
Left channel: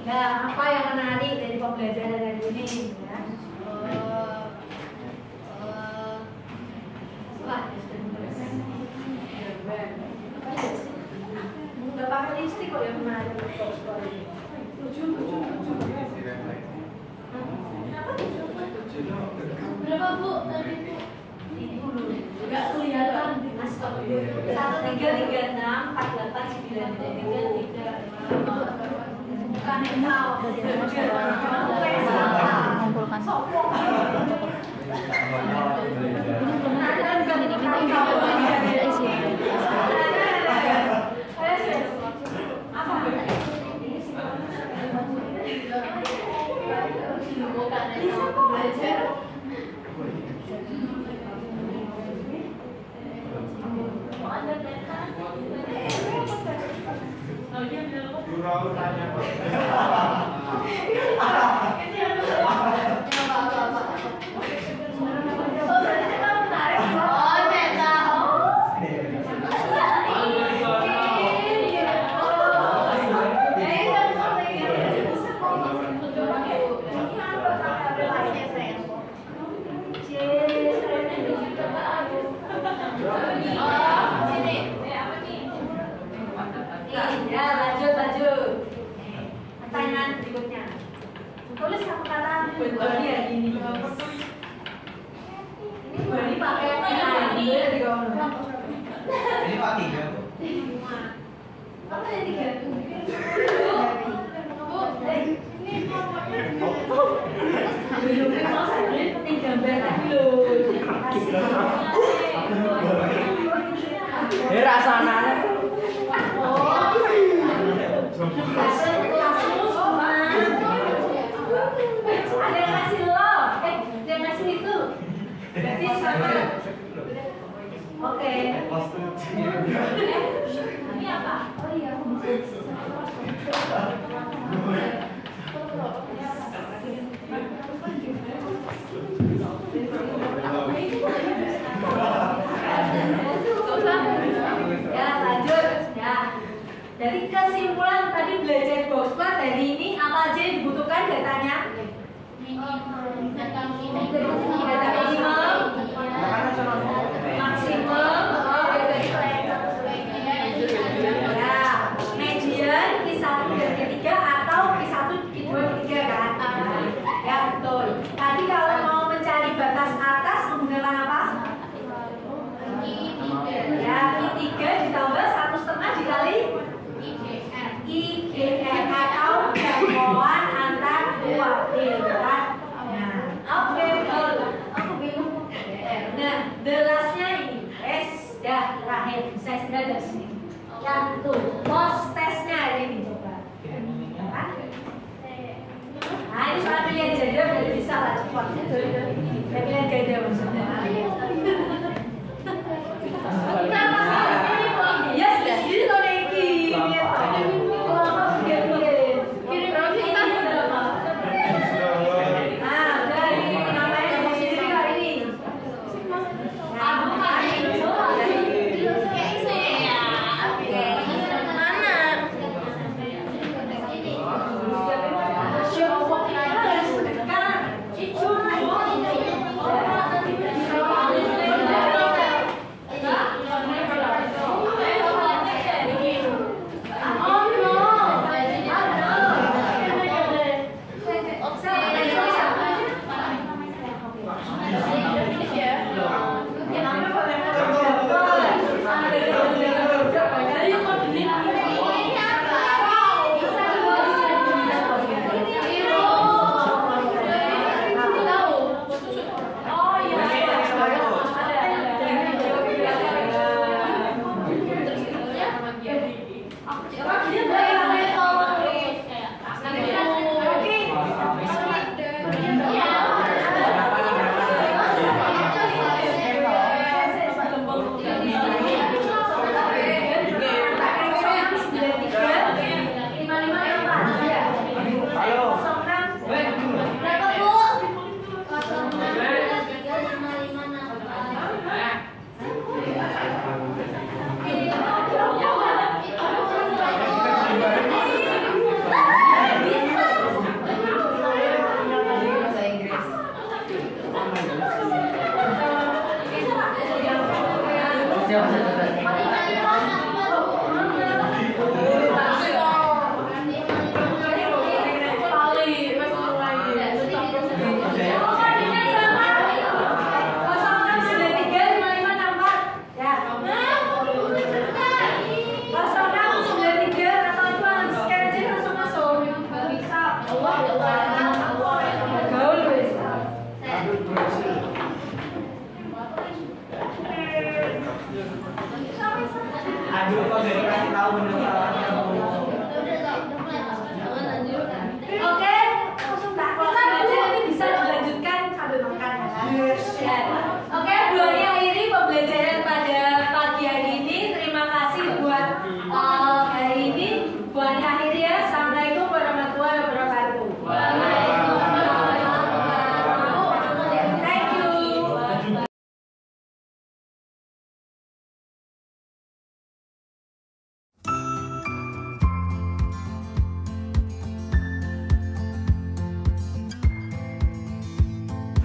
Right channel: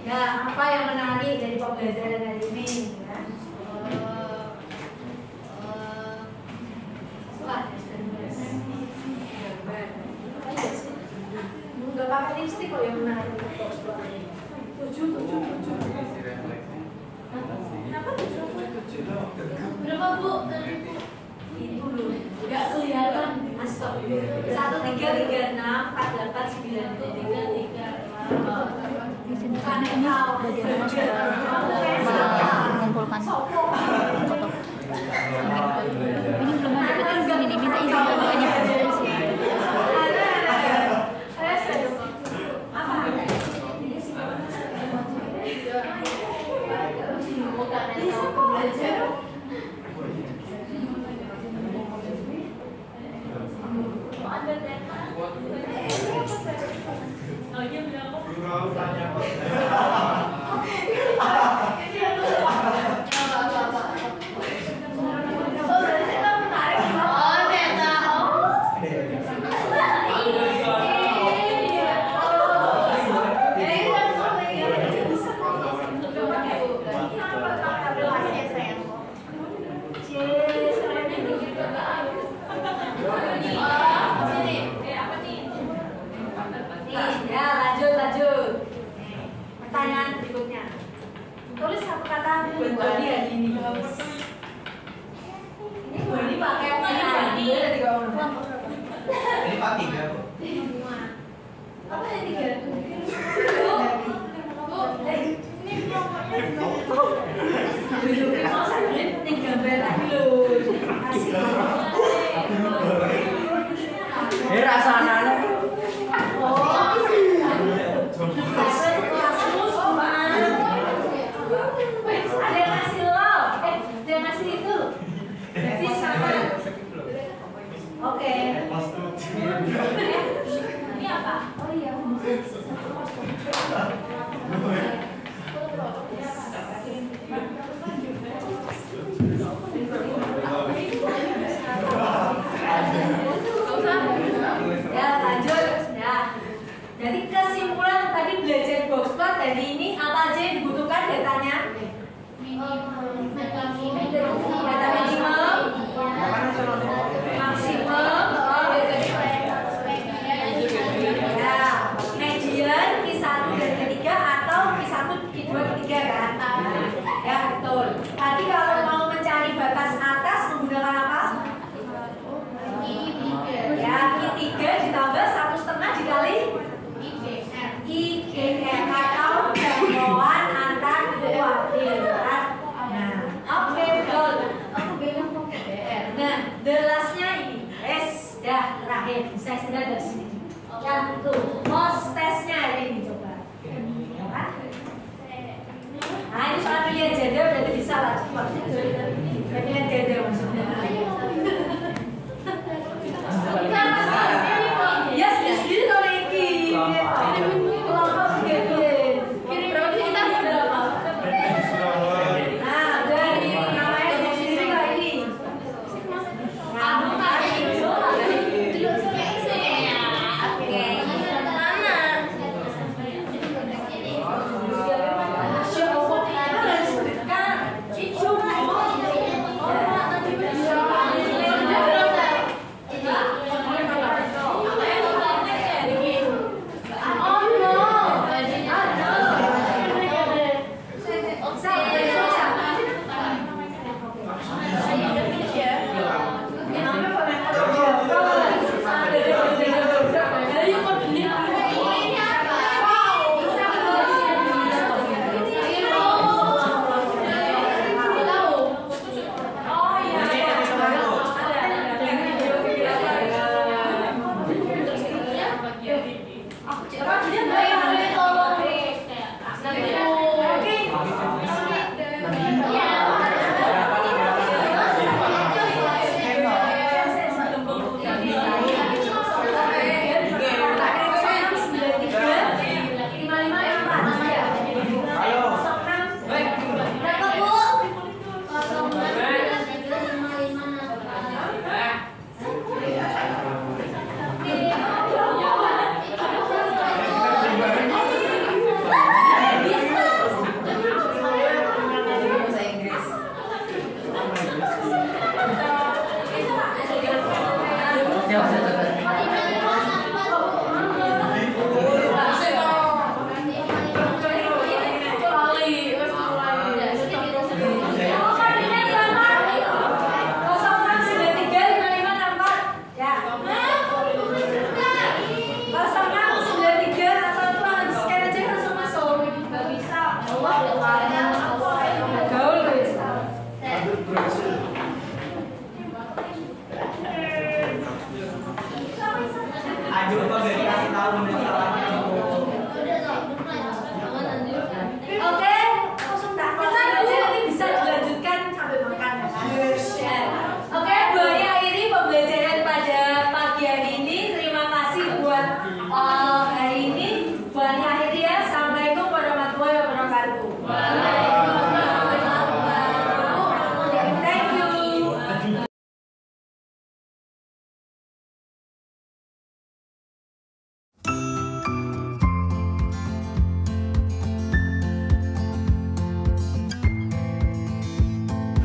Ya, apa yang menarik dari pembelajaran hari ini ya? Nggak pakai lipstick kok yang menarik. Berapa Bu tadi Bu? Ibu dulu. Nggak kelihatan Mas. 133648910. Bukan yang tahu. Mengumpulkan foto. Ini belum ada kan sini nih, minta izin ketuanya isi. Lanjut. Pertanyaan berikutnya. Tulis satu kata buat Bali hari ini. Ini Bali pakai hari di kawan. Ini Pak 3 Bu. Apa yang 3? Ini mau saya ini gambar tadi loh. Kasih. Rasanya. Ada yang ngasih lo, ada yang ngasih itu. Berarti silakan. Oke. Ini apa? Oh iya. Ya lanjut. Ya. Jadi kesimpulan tadi belajar boxplot hari ini apa aja yang dibutuhkan datanya? Data minimum, maksimum, ya, median, Q1 dan Q3 atau Q1, Q2, Q3 kan? Ya betul. Tadi kalau mau mencari batas atas menggunakan apa? Ya Q3 ditambah 1,5 dikali IGR atau jangkauan antar dua derat. Nah, oke betul. Nah, delasnya ini dah terakhir. Saya sudah dari sini. Yang itu Aduh, kok dari kasih tahu menu salahnya Bu. Oke, kita dulu ini bisa dilanjutkan sambil makan ya. Oke, Bu Ani akhiri pembelajaran pada pagi hari ini. Terima kasih buat hari ini. Bu Ani akhiri ya. Assalamualaikum warahmatullahi wabarakatuh. Thank you.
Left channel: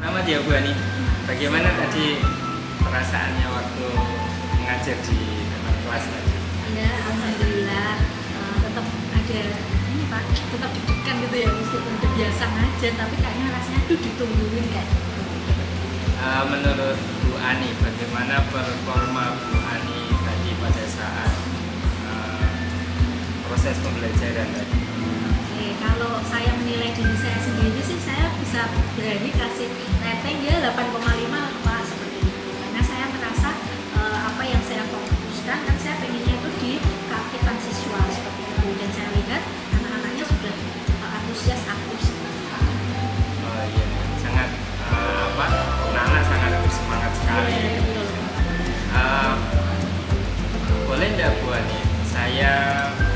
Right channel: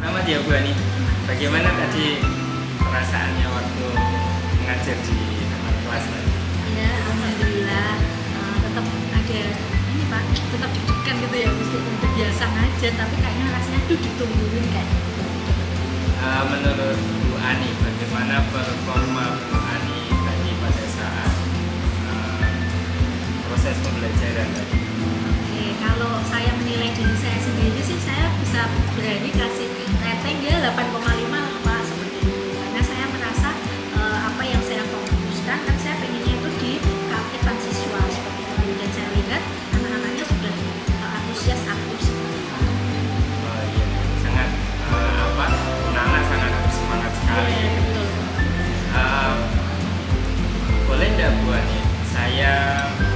Selamat ya Bu Ani. Bagaimana tadi perasaannya waktu mengajar di kelas tadi? Ya, alhamdulillah tetap ada ini Pak, tetap deg-degan gitu ya, meskipun udah biasa ngajar tapi kayaknya rasanya tuh ditungguin kayak gitu. Menurut Bu Ani, bagaimana performa Bu Ani tadi pada saat proses pembelajaran tadi? Oke, kalau saya menilai diri saya sendiri sih saya bisa berani kasih rating ya 8,5 Pak, seperti itu. Karena saya merasa apa yang saya fokuskan kan saya pengennya itu di keaktifan siswa seperti itu, dan saya lihat anak-anaknya sudah antusias aktif seperti itu. Oh iya, sangat anak-anak sangat bersemangat sekali. Iya, betul. Boleh tidak Bu Ani, saya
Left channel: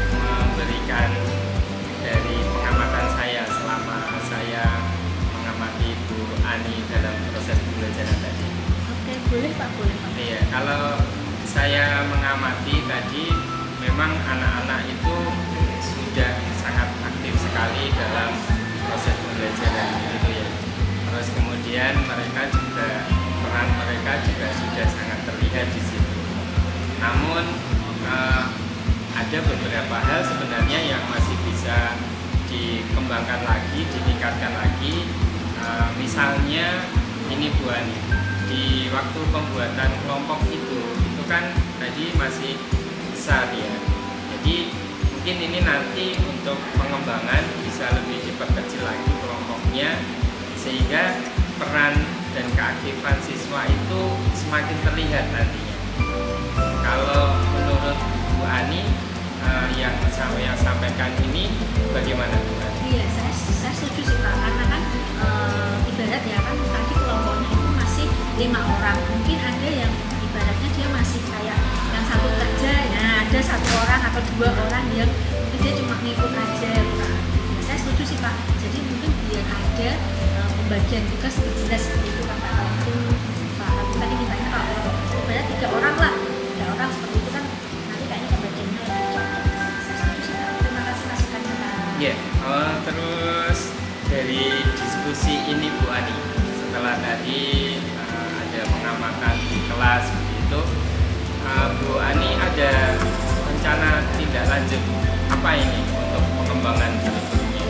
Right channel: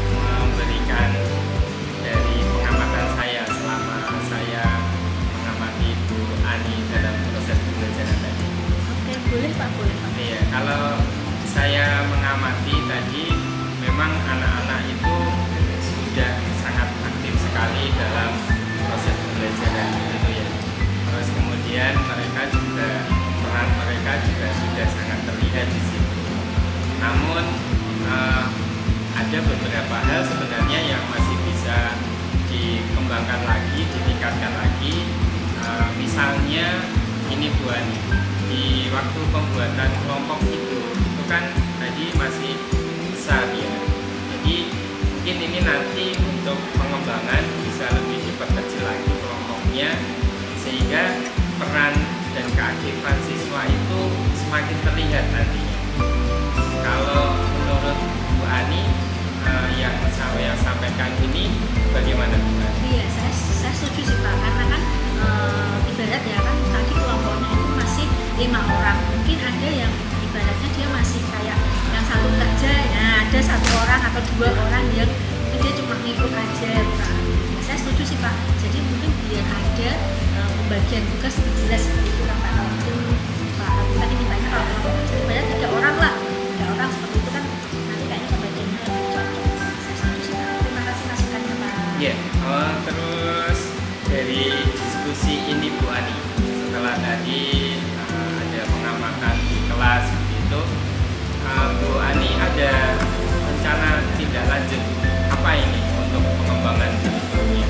memberikan dari pengamatan saya selama saya mengamati Bu Ani dalam proses pembelajaran tadi. Oke, boleh Pak, boleh Pak. Iya, kalau saya mengamati tadi memang anak-anak itu sudah sangat aktif sekali dalam proses pembelajaran gitu ya. Terus kemudian peran mereka juga sudah sangat terlihat di situ. Namun ada beberapa hal sebenarnya yang masih bisa dikembangkan lagi, ditingkatkan lagi. Misalnya ini Bu Ani, di waktu pembuatan kelompok itu kan tadi masih besar ya. Jadi mungkin ini nanti untuk pengembangan bisa lebih diperkecil lagi kelompoknya, sehingga peran dan keaktifan siswa itu semakin terlihat nantinya. Kalau menurut Bu Ani yang saya sampaikan ini bagaimana Bu Ani? Iya, saya setuju sih Pak, karena kan ibarat ya kan tadi kelompoknya itu masih 5 orang, mungkin ada yang ibaratnya dia masih kayak yang satu kerja, nah ada 1 orang atau 2 orang yang mungkin dia cuma ngikut aja Pak. Nah, saya setuju sih Pak, jadi mungkin biar ada pembagian tugas lebih jelas seperti itu kan Pak. Itu Pak, aku tadi mintanya kalau ibarat 3 orang lah, 3 orang seperti itu kan nanti kayaknya pembagiannya lebih cocok. Saya setuju sih Pak, terima kasih masukannya Pak. Iya, terus dari diskusi ini Bu Ani, setelah tadi ada pengamatan di kelas begitu, Bu Ani ada rencana tindak lanjut apa ini untuk pengembangan kurikulumnya?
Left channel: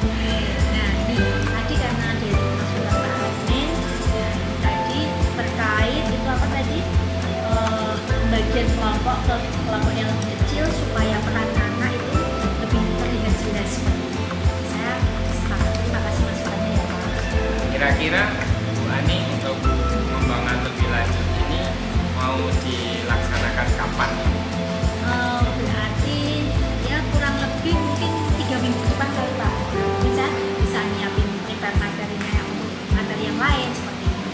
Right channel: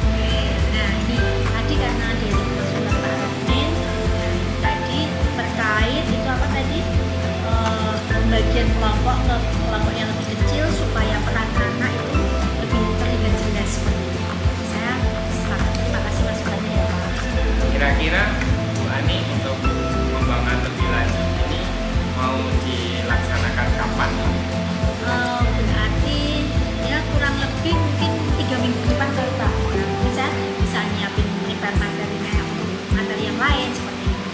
Oke, nah ini tadi karena dari masukan Pak Admin, ya, tadi terkait itu apa tadi pembagian kelompok ke kelompok yang lebih kecil supaya peran anak itu lebih terlihat jelas seperti itu. Saya sepakat. Terima kasih masukannya ya Pak. Kira-kira Bu Ani untuk pengembangan lebih lanjut ini mau dilaksanakan kapan? Berarti ya mungkin 3 minggu ke depan kali Pak. Nah, mungkin saya bisa nyiapin prepare materinya untuk materi yang lain seperti itu.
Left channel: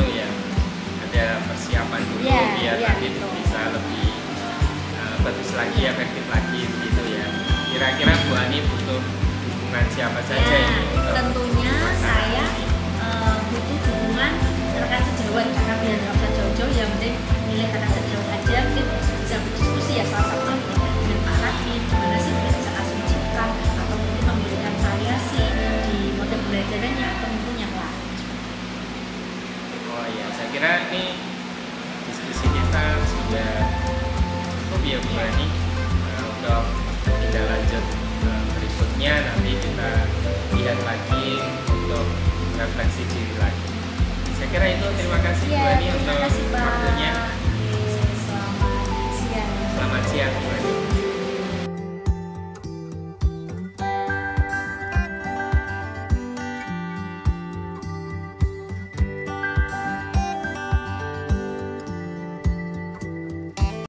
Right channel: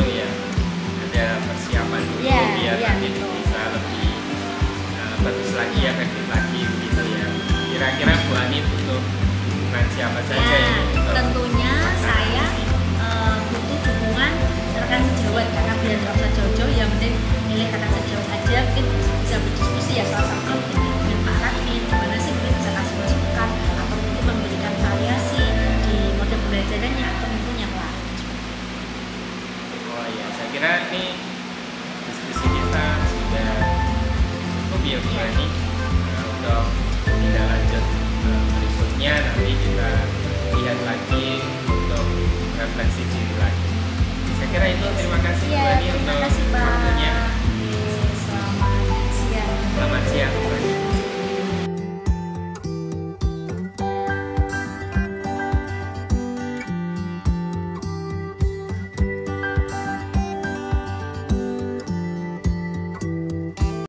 Ya, ada persiapan dulu biar nanti bisa lebih bagus lagi, efektif lagi gitu ya. Kira-kira Bu Ani butuh dukungan siapa saja ini? Tentunya saya butuh dukungan rekan sejawat, karena biar nggak usah jauh-jauh, yang penting milih rekan sejawat aja, mungkin bisa berdiskusi ya, salah satu dengan Pak Radmin, gimana sih mungkin bisa kasih masukan atau mungkin memberikan variasi di model pembelajarannya atau mungkin yang lain. Oh iya, saya kira ini diskusi kita sudah cukup ya Bu Ani. Untuk tindak lanjut berikutnya nanti kita lihat lagi untuk refleksi diri lagi. Saya kira itu, terima kasih Bu Ani untuk waktunya. Selamat siang. Selamat siang.